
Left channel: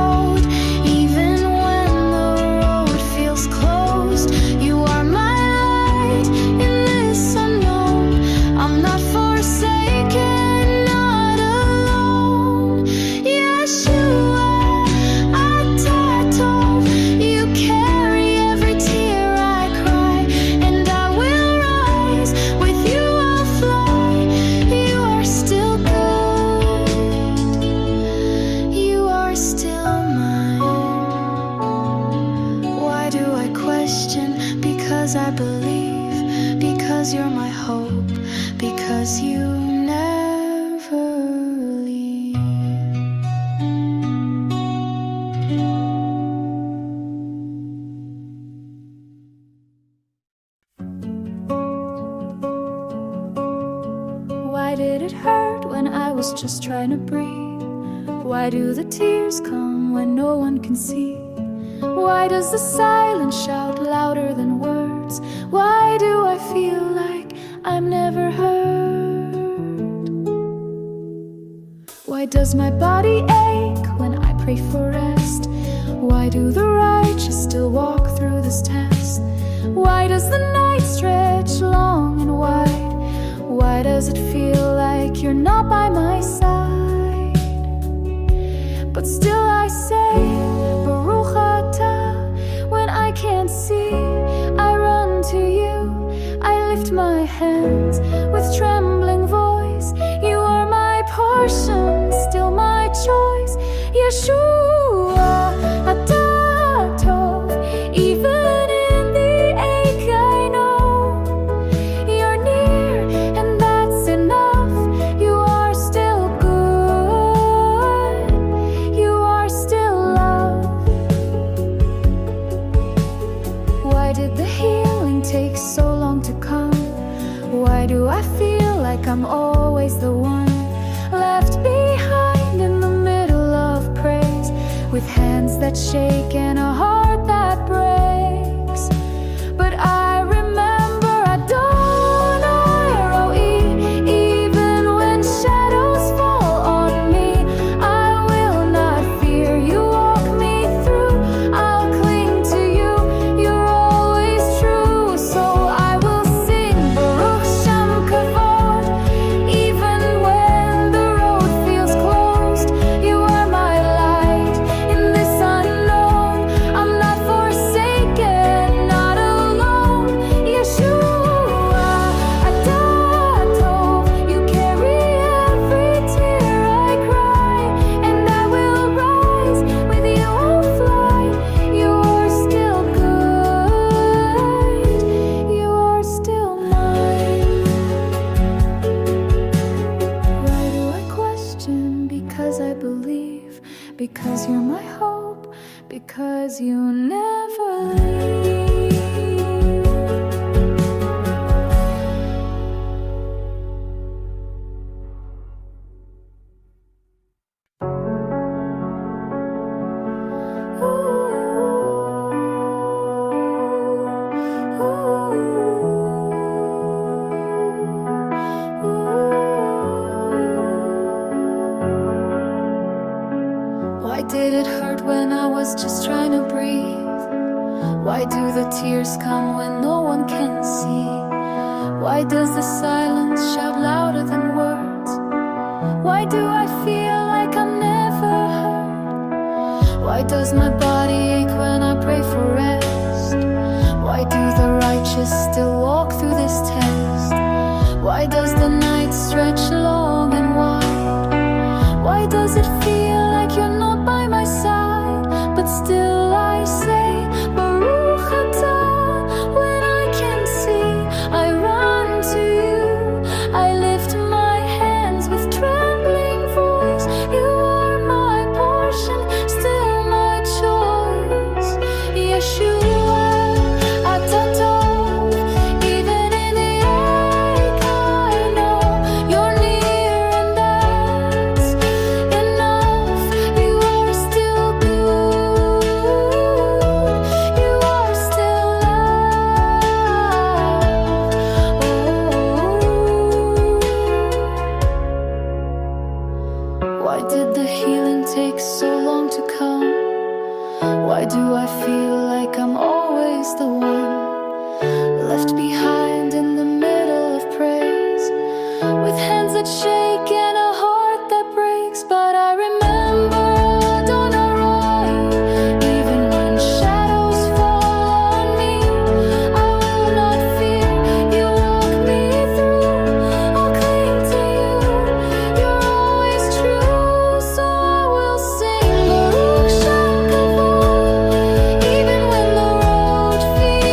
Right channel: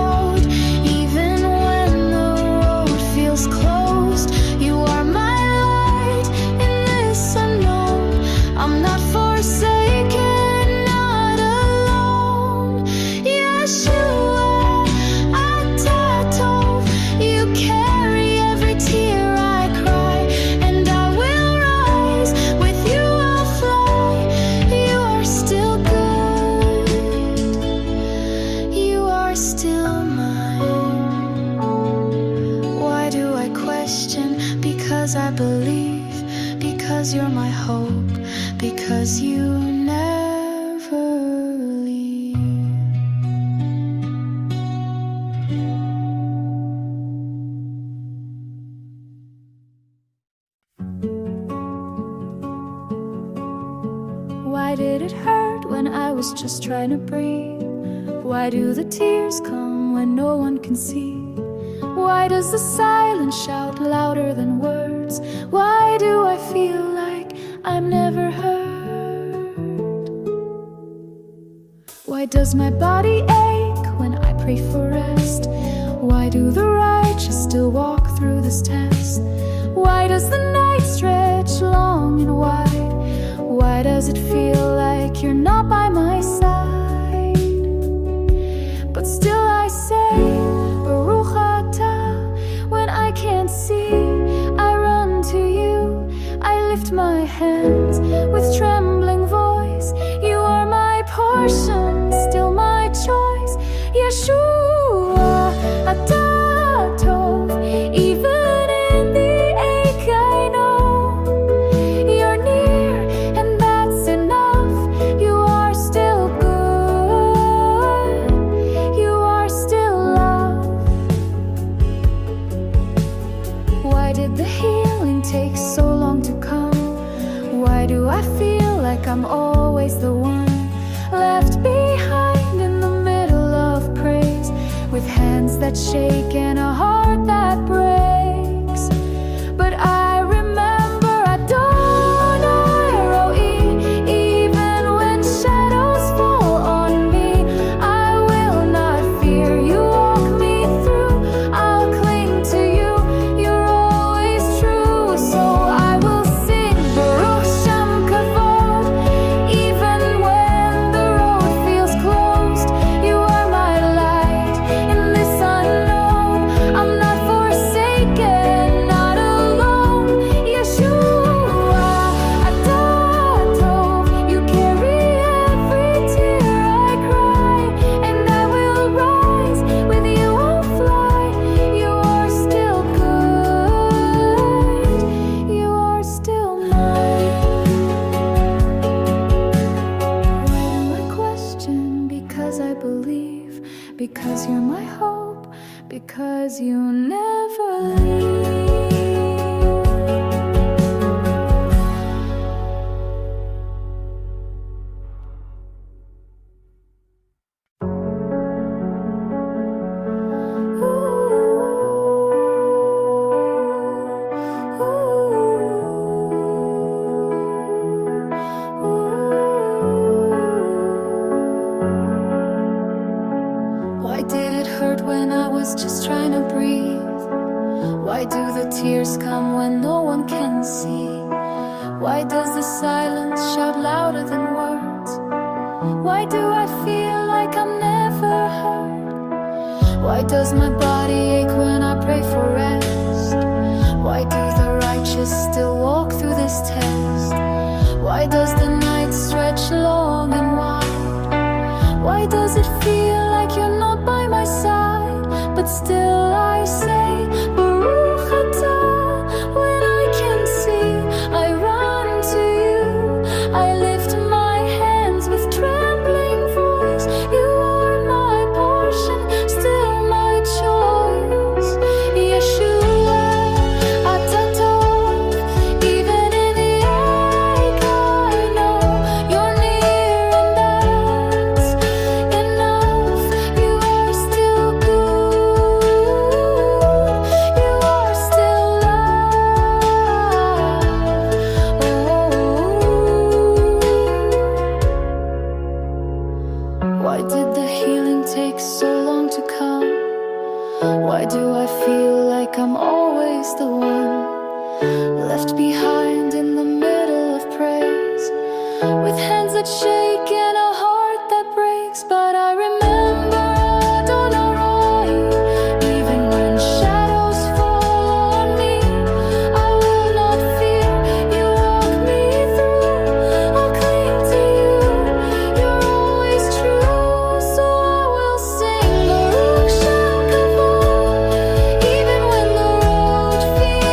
question, because I believe, because you're my hope, because you never leave. Why did it hurt when I was just trying to breathe? Why do the tears come when no one can see? Why does the silence shout louder than words? Why do I feel like I'm never heard? Why does my body ache when I pray for rest? Why do the righteous still walk through this test? Why does the night stretch long and wide? Why does it feel like you're not by my side? But still I say, Baruch Atah. When I can't see, I run to you. I lift my hands with trembling voice. You are my portion, still my choice. Yeshua, Atah Tov. Even in the ache I know you're near, and that's enough. You are still good. You are still love. Why did the healing take so long to come? Why do I feel like I'm always the one left behind in the middle of praise, with hands that shake and a heart that breaks? But I remember Adonai Ro'i. Even when shadows fall on me, I will not fear. You walk me through, I'll cling to you. You're always true, so I will sing Baruch Shem Kavod. Even when the road feels closed, you are my light in this unknown. I'm not forsaken, not alone. Yeshua, Atah Tov. You carry every tear I cry, and I will rise. With you I'll fly. You are still good. You are still mine. Why do I question? Because I believe, because you're my hope, because you never leave. Why did it hurt when I was just trying to breathe? Why do the tears come when no one can see? Why does the silence shout louder than words? Why do I feel like I'm never heard? Why does my body ache when I pray for rest? Why do the righteous still walk through this test? Why does the night stretch long and wide? Why does it feel like you're not by my side? But still I say, Baruch Atah. When I can see, I run to you. I lift my hands with trembling voice. You are my portion, still my choice. Yeshua, Atah Tov. Even in the ache I know you're near, and that's enough. You are still good. You are still love. Oh, why did the healing take so long to come? Why do I feel like I'm always the one left behind in the middle of praise, with hands that shake and a heart that breaks? But I remember Adonai. Even when shadows fall on me, I will not fear. You walk me through, I'll cling to you. You're always true, so I will sing Baruch Shem Kavod. Even when the road feels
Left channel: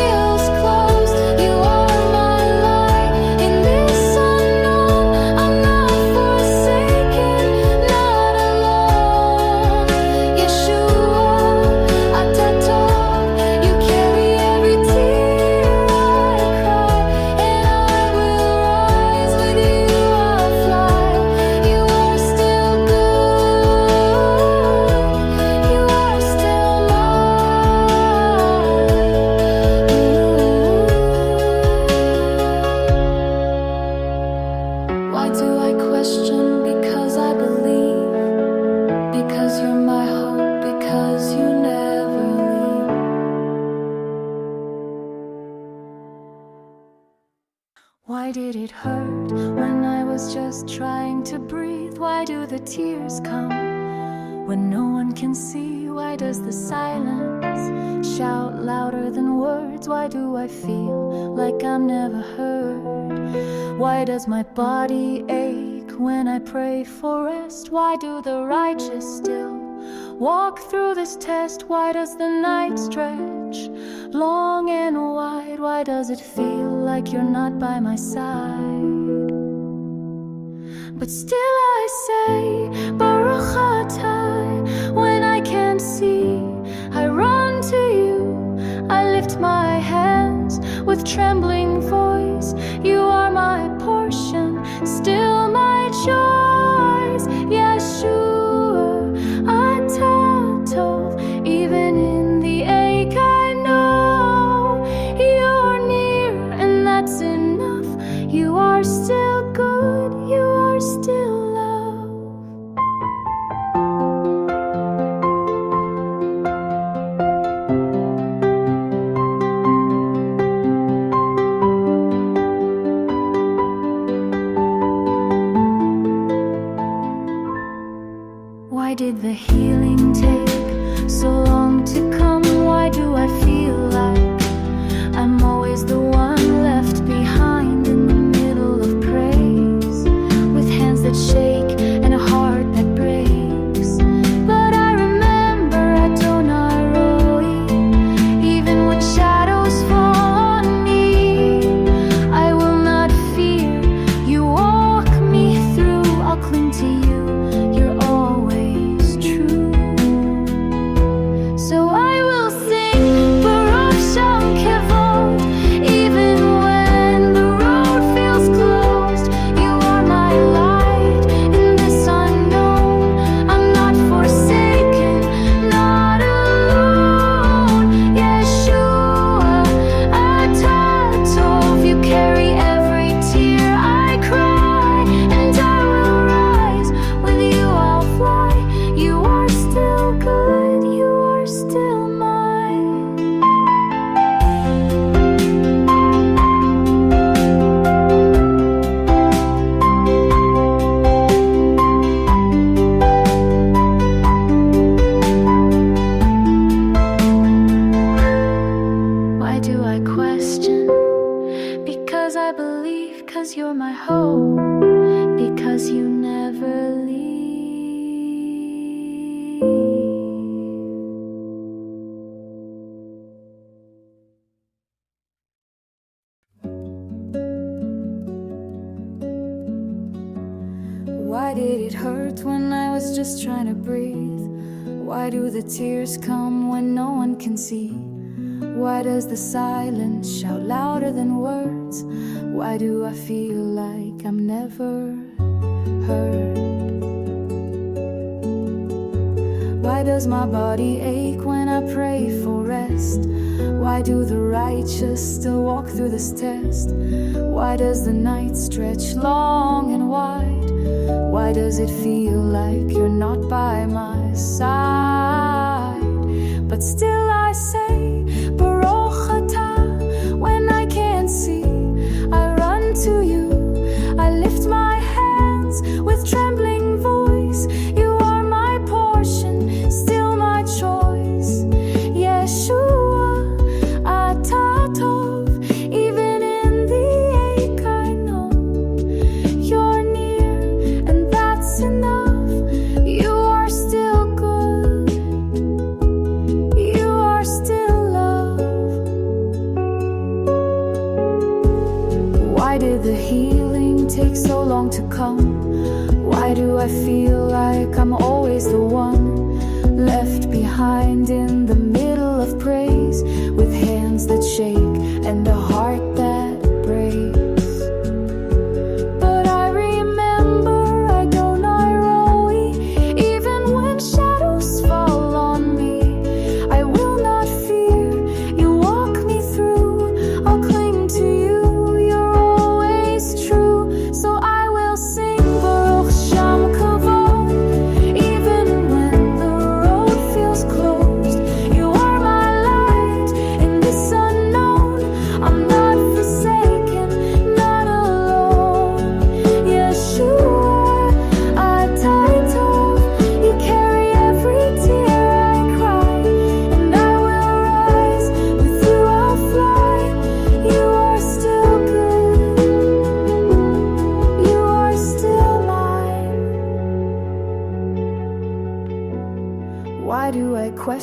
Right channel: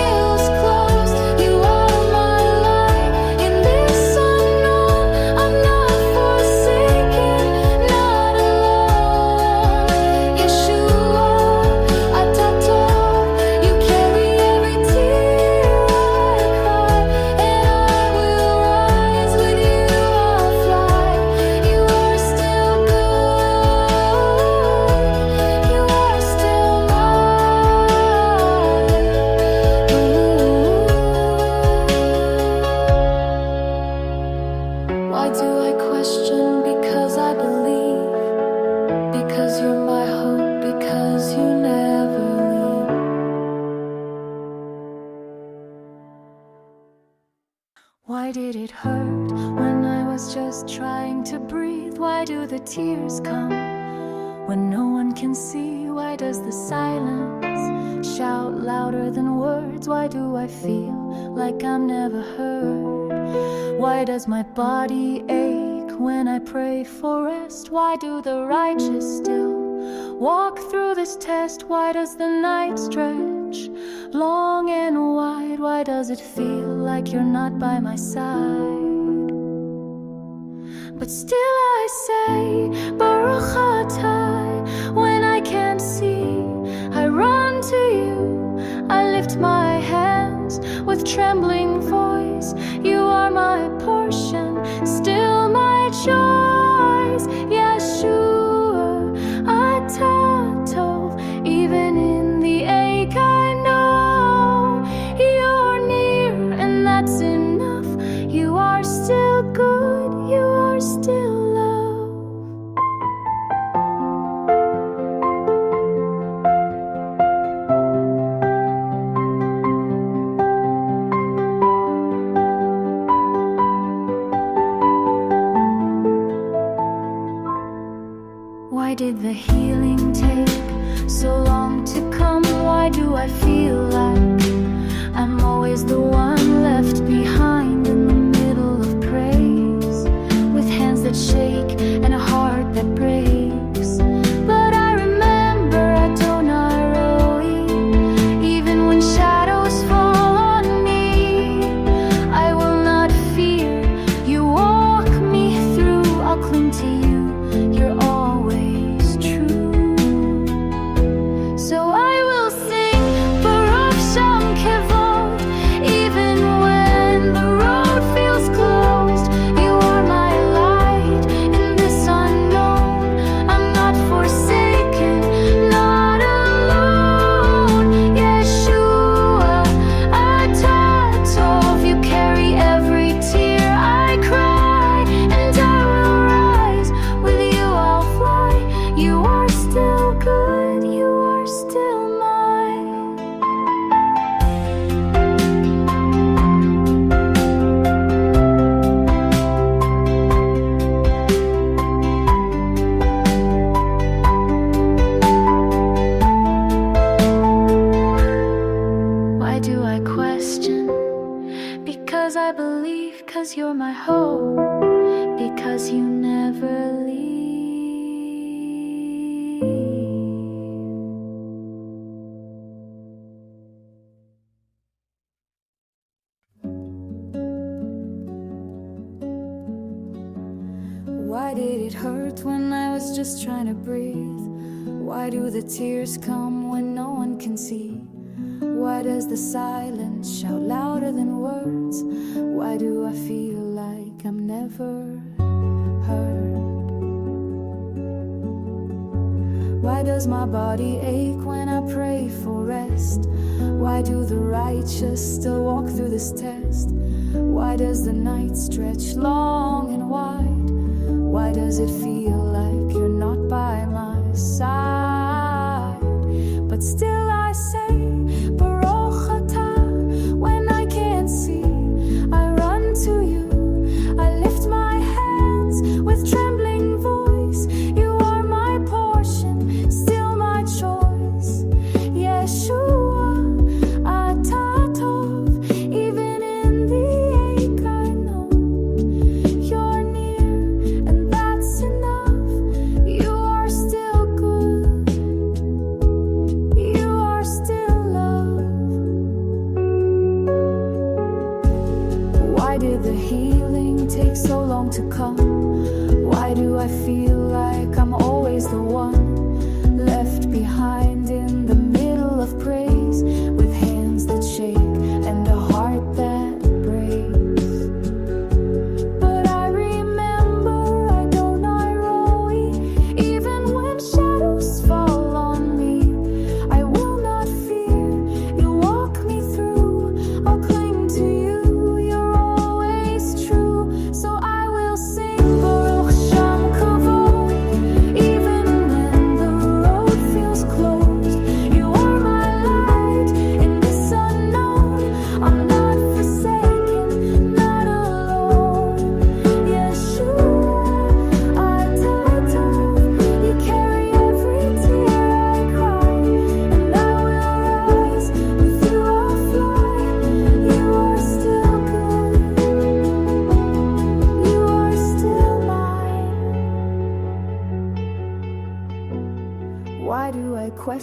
because you never leave. Why did it hurt when I was just trying to breathe? Why do the tears come when no one can see? Why does the silence shout louder than words? Why do I feel like I'm never heard? Why does my body ache when I pray for rest? Why do the righteous still walk through this test? Why does the night stretch long and wide? Why does it feel like you're not by my side? But still I say, Baruch atah. When I can't see, I run to you. I lift my hands with trembling voice. You are my portion, still my choice. Yeshua, atah tov. Even in the ache I know you're near, and that's enough. You are still good, you are still love. Why did the healing take so long to come? Why do I feel like I'm always the one left behind in the middle of praise, with hands that shake and a heart that breaks? But I remember Adonai Roi, even when shadows fall on me, I will not fear. You walk me through, I'll cling to you, you're always true. So I will sing Baruch Shem Kevod, even when the road feels closed. You are my light in this unknown. I'm not forsaken, not alone. Yeshua, atah tov. You carry every tear I cry, and I will rise. With you I'll fly. You are still good, you are still mine. Why do I question? Because I believe, 'cause you're my hope, because you never leave. Why did it hurt when I was just trying to breathe? Why do the tears come when no one can see? Why does the silence shout louder than words? Why do I feel like I'm never heard? Why does my body ache when I pray for rest? Why do the righteous still walk through this test? Why does the night stretch long and wide? Why does it feel like you're not by my side? But still I say, Baruch atah. When I can't see, I run to you. I lift my hands with trembling voice. You are my portion, still my choice. Yeshua, atah tov. Even in the ache I know you're near, and that's enough. You are still good, you are still love. Why did the healing take so long to come? Why do I feel like I'm always the one left behind in the middle of praise, with hands that shake and a heart that breaks? But I remember Adonai Roi, even when shadows fall on me, I will not fear. You walk me through, I'll cling to you, you're always true. So I will sing Baruch Shem Kavod, even when the road feels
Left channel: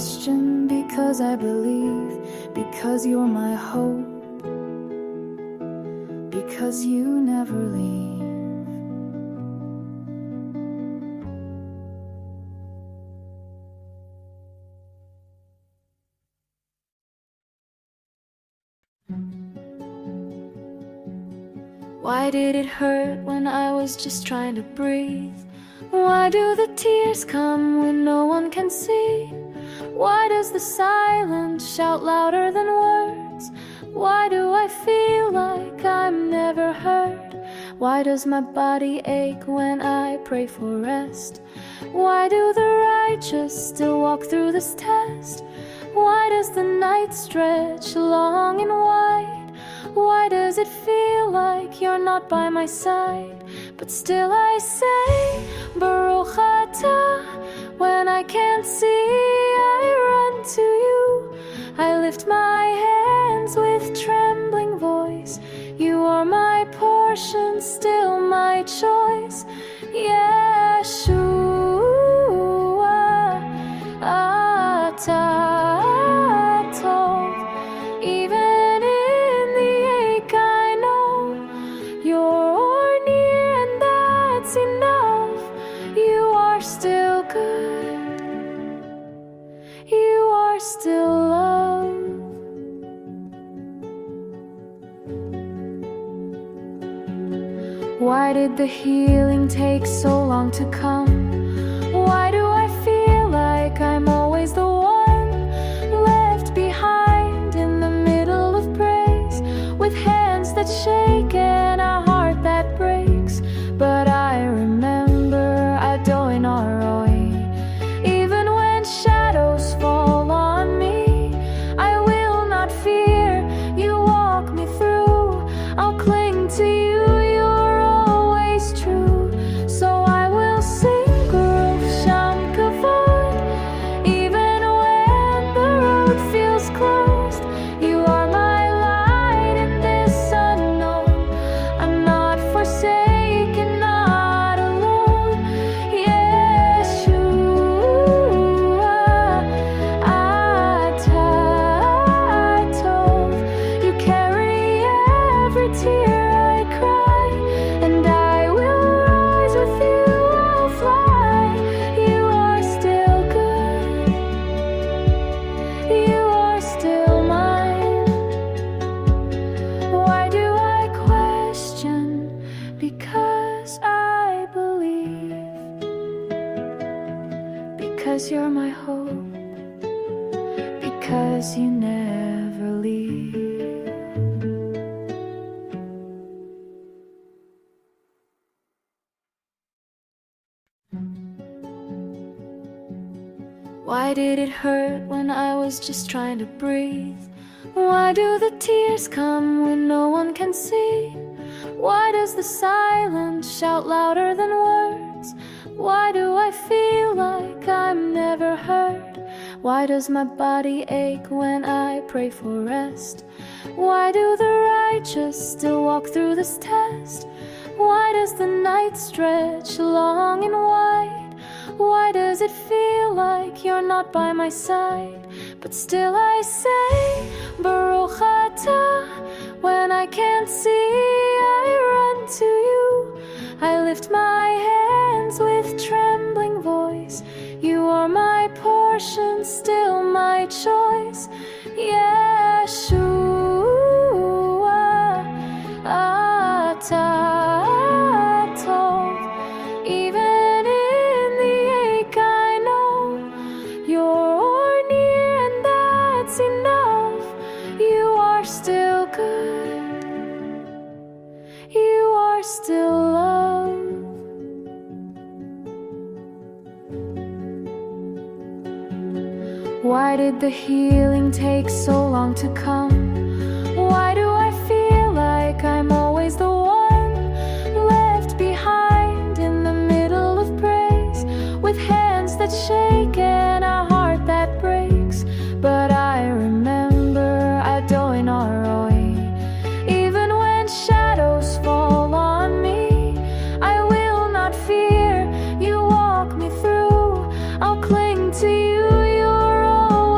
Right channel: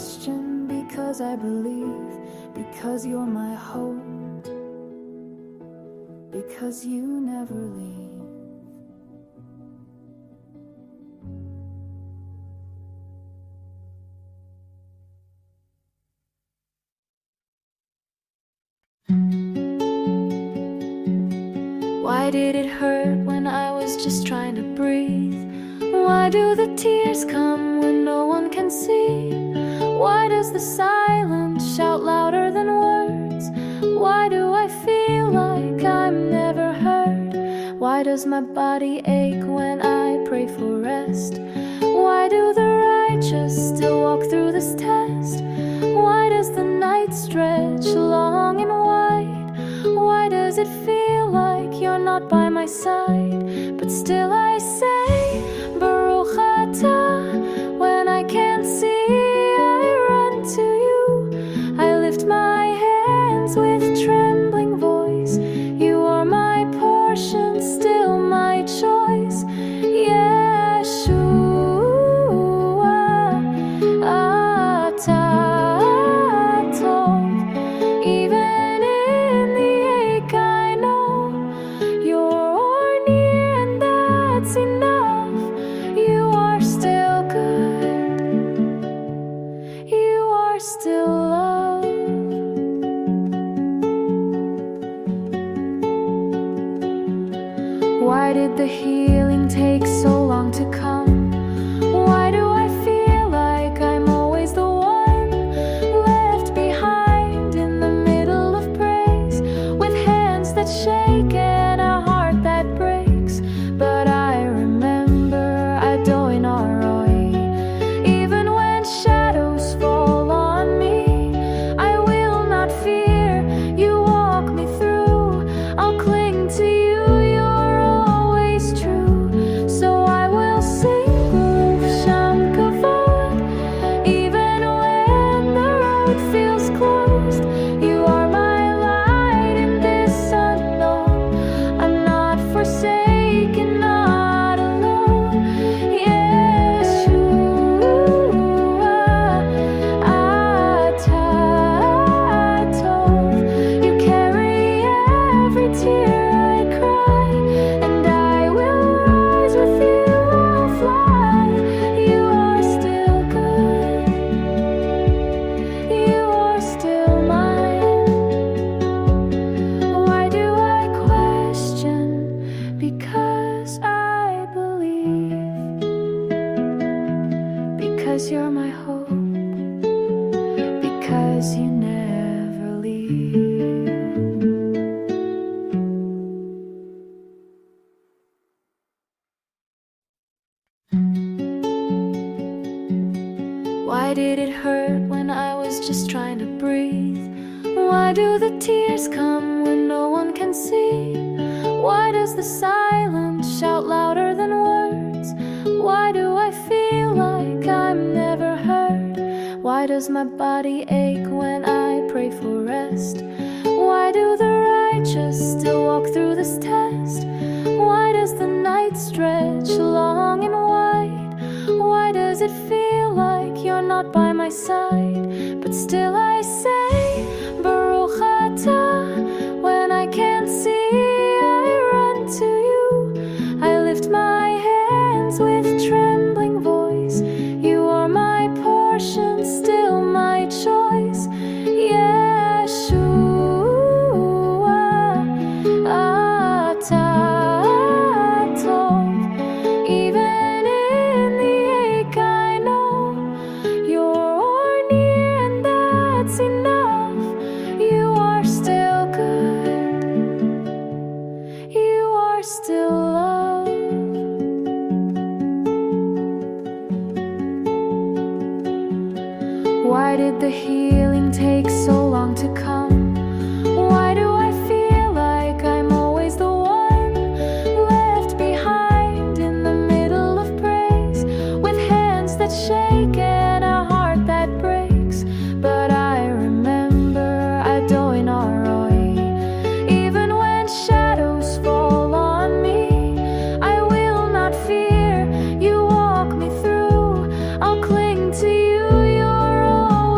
question because I believe, because you're my hope, because you never leave. Why did it hurt when I was just trying to breathe? Why do the tears come when no one can see? Why does the silence shout louder than words? Why do I feel like I'm never heard? Why does my body ache when I pray for rest? Why do the righteous still walk through this test? Why does the night stretch long and wide? Why does it feel like you're not by my side? But still I say, Baruch Atah. When I can't see, I run to you. I lift my hands with trembling voice. You are my portion, still my choice. Yeshua, Atah Tov. Even in the ache I know you're near, and that's enough. You are still good, you are still love. Why did the healing take so long to come? Why do I feel like I'm always the one left behind in the middle of praise, with hands that shake and a heart that breaks? But I remember Adonai Aroi. Even when shadows fall on me, I will not fear. You walk me through. I'll cling to you. You're always true. So I will sing Baruch Sham Kavod. Even when the road feels closed, you are my light in this unknown. I'm not forsaken, not alone. Yeshua, Atah Tov. You carry every tear I cry, and I will rise with you. I'll fly. You are still good, you are still mine. Why do I question? Because I believe, because you're my hope, because you never leave. Why did it hurt when I was just trying to breathe? Why do the tears come when no one can see? Why does the silence shout louder than words? Why do I feel like I'm never heard? Why does my body ache when I pray for rest? Why do the righteous still walk through this test? Why does the night stretch long and wide? Why does it feel like you're not by my side? But still I say, Baruch Atah. When I can't see, I run to you. I lift my hands with trembling voice. You are my portion, still my choice. Yeshua, Atah Tov. Even in the ache I know you're near, and that's enough. You are still good, you are still love. Why did the healing take so long to come? Why do I feel like I'm always the one left behind in the middle of praise, with hands that shake and a heart that breaks? But I remember Adonai Aroi. Even when shadows fall on me, I will not fear. You walk me through. I'll cling to you. You're all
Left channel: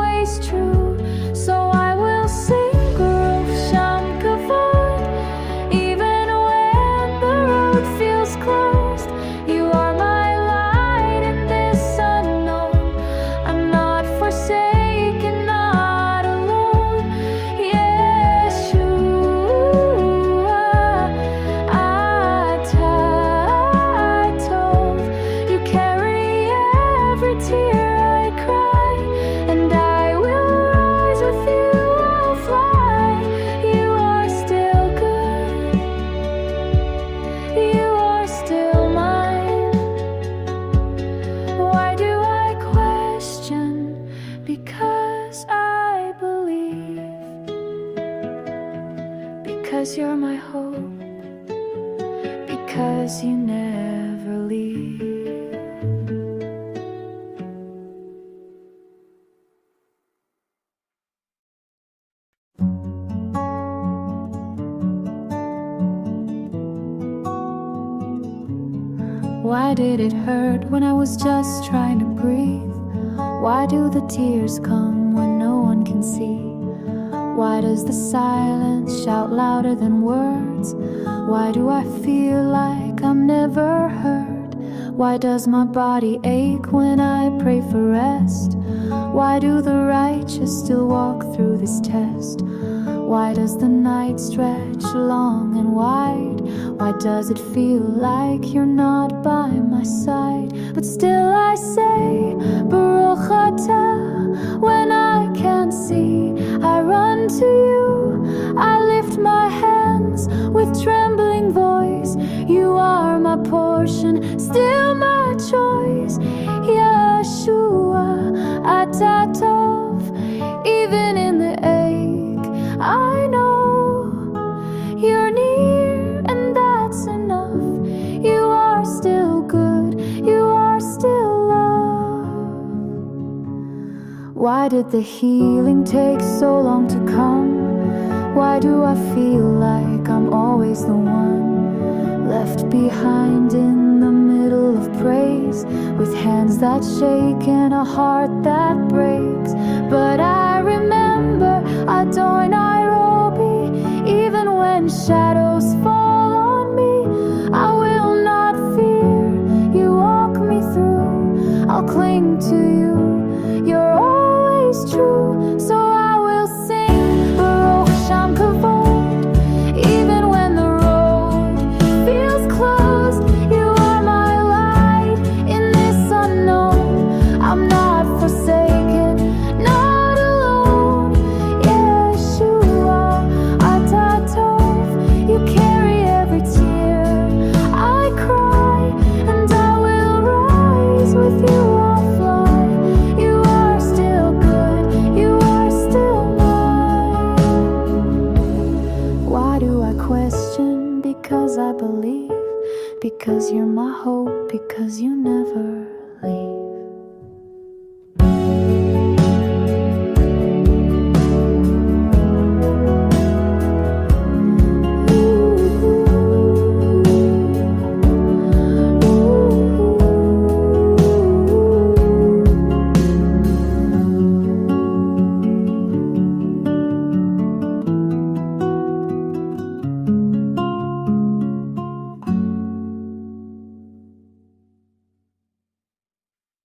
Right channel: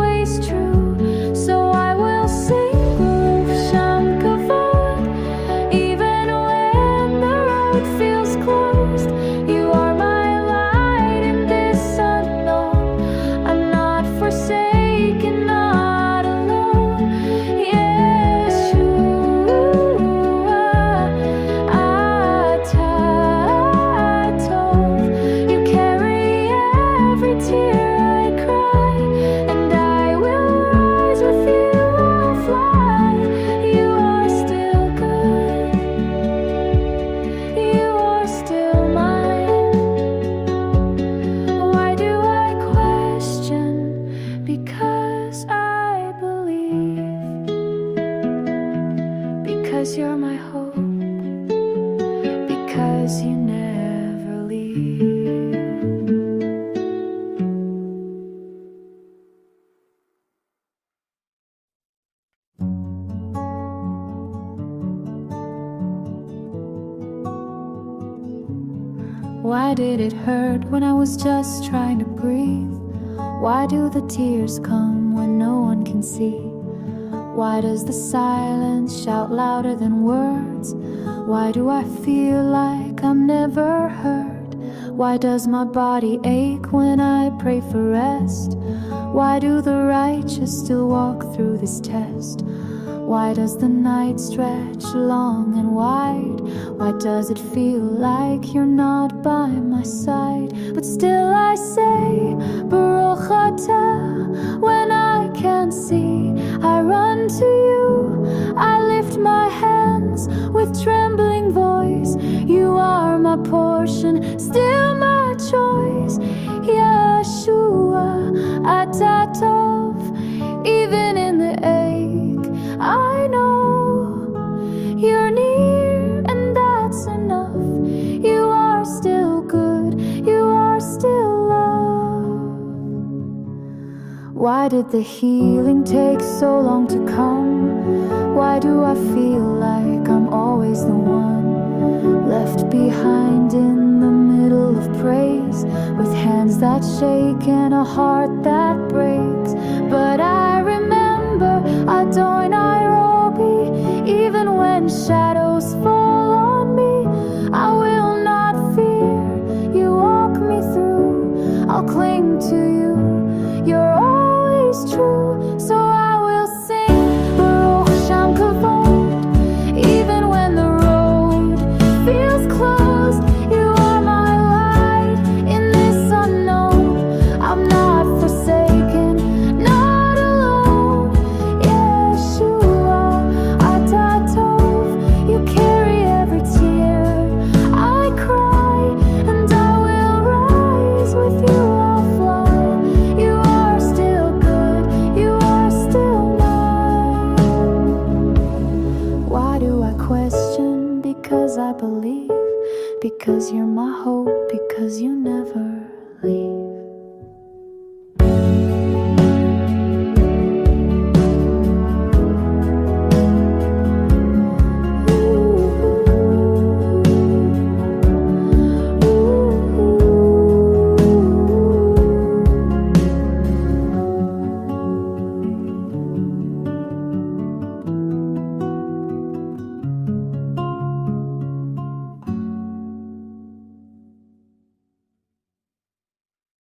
forsaken, not alone. Yeshua, Atah, you carry every tear I cry, and I will rise with you, I'll fly. You are still good, you are still mine. Why do I question? Because I believe. Because you're my hope. Because you never leave. Why did it hurt when I was just trying to breathe? Why do the tears come when no one can see? Why does the silence shout louder than words? Why do I feel like I'm never heard? Why does my body ache when I pray for rest? Why do the righteous still walk through this test? Why does the night stretch long and wide? Why does it feel like you're not by my side? But still I say, Baruch Atah. When I can't see, I run to you. I lift my hands with trembling voice. You are my portion, still my choice. Yeshua, Atah Tov. Even in the ache, I know you're near, and that's enough. You are still good, you are still love. Why did the healing take so long to come? Why do I feel like I'm always the one left behind in the middle of praise, with hands that shake and a heart that breaks? But I remember Adonai Nairobi, even when shadows fall on me, I will not fear. You walk me through, I'll cling to you. You're always true, so I will sing Baruch Sham Kavod. Even when the road feels closed, you are my light in this unknown. I'm not forsaken, not alone. Yeshua, Atah Tov, you carry every tear I cry, and I will rise with you, I'll fly. You are still good, you are still mine. Why do I question? Because I believe. Because you're my hope, because you never leave.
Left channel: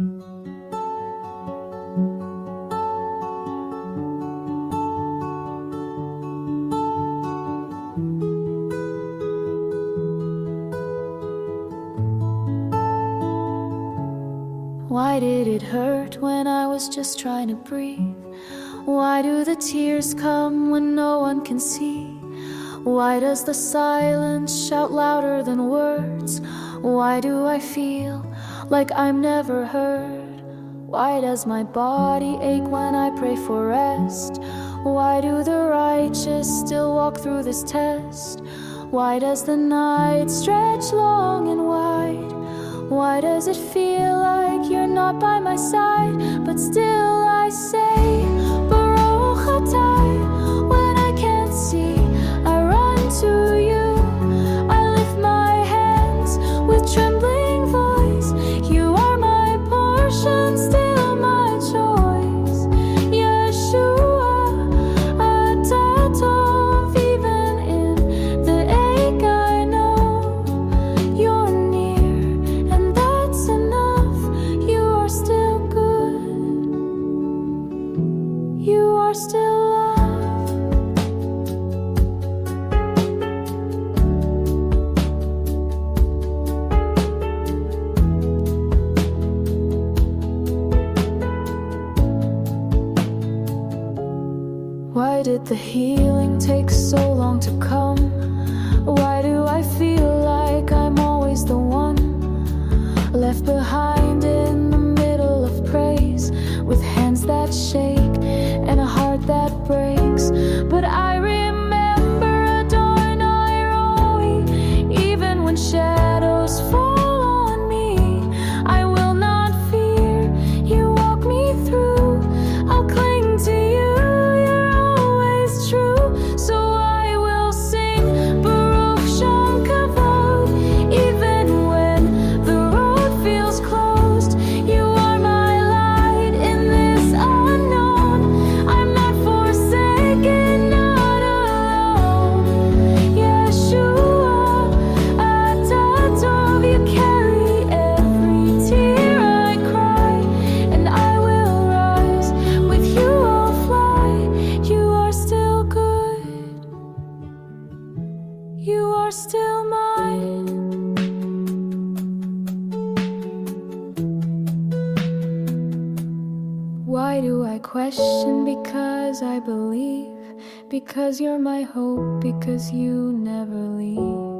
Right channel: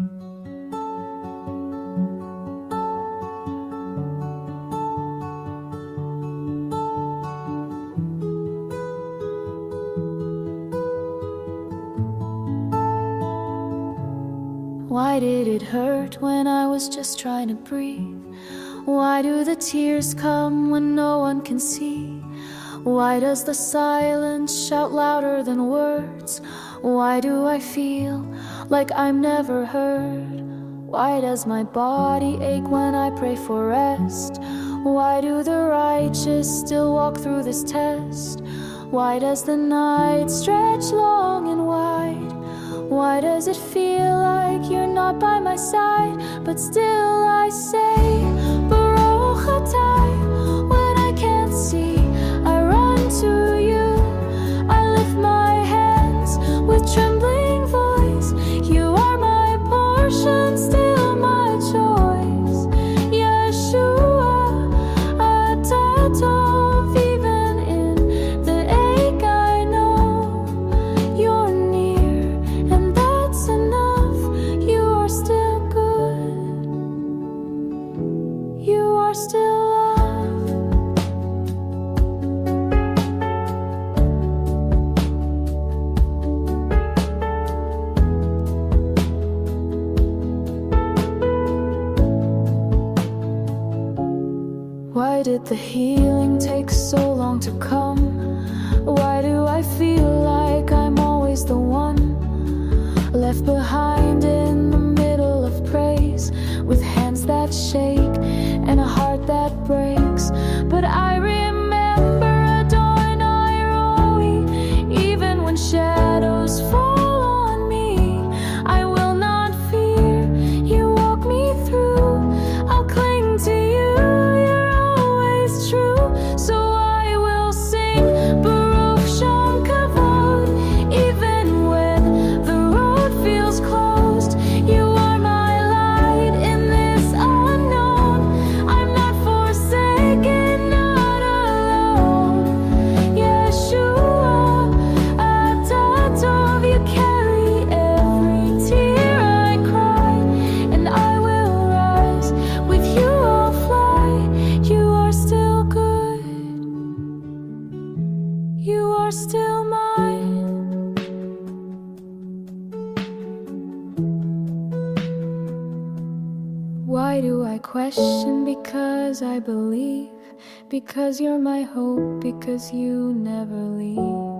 Why did it hurt when I was just trying to breathe? Why do the tears come when no one can see? Why does the silence shout louder than words? Why do I feel like I'm never heard? Why does my body ache when I pray for rest? Why do the righteous still walk through this test? Why does the night stretch long and wide? Why does it feel like you're not by my side? But still I say, Baruch atah. When I can't see, I run to you. I lift my hands with trembling voice. You are my portion, still my choice. Yeshua, atah tov. Even in the ache I know you're near, and that's enough. You are still good. You are still love. Why did the healing take so long to come? Why do I feel like I'm always the one left behind in the middle of praise, with hands that shake and a heart that breaks? But I remember Adonai Roi, even when shadows fall on me, I will not fear. You walk me through. I'll cling to you. You're always true. So I will sing Baruch Shem Kavod, even when the road feels closed. You are my light in this unknown. I'm not forsaken, not alone. Yeshua, atah tov. You carry every tear I cry, and I will rise. With you I'll fly. You are still good. You are still mine. Why do I question? Because I believe. Because you're my hope. Because you never leave.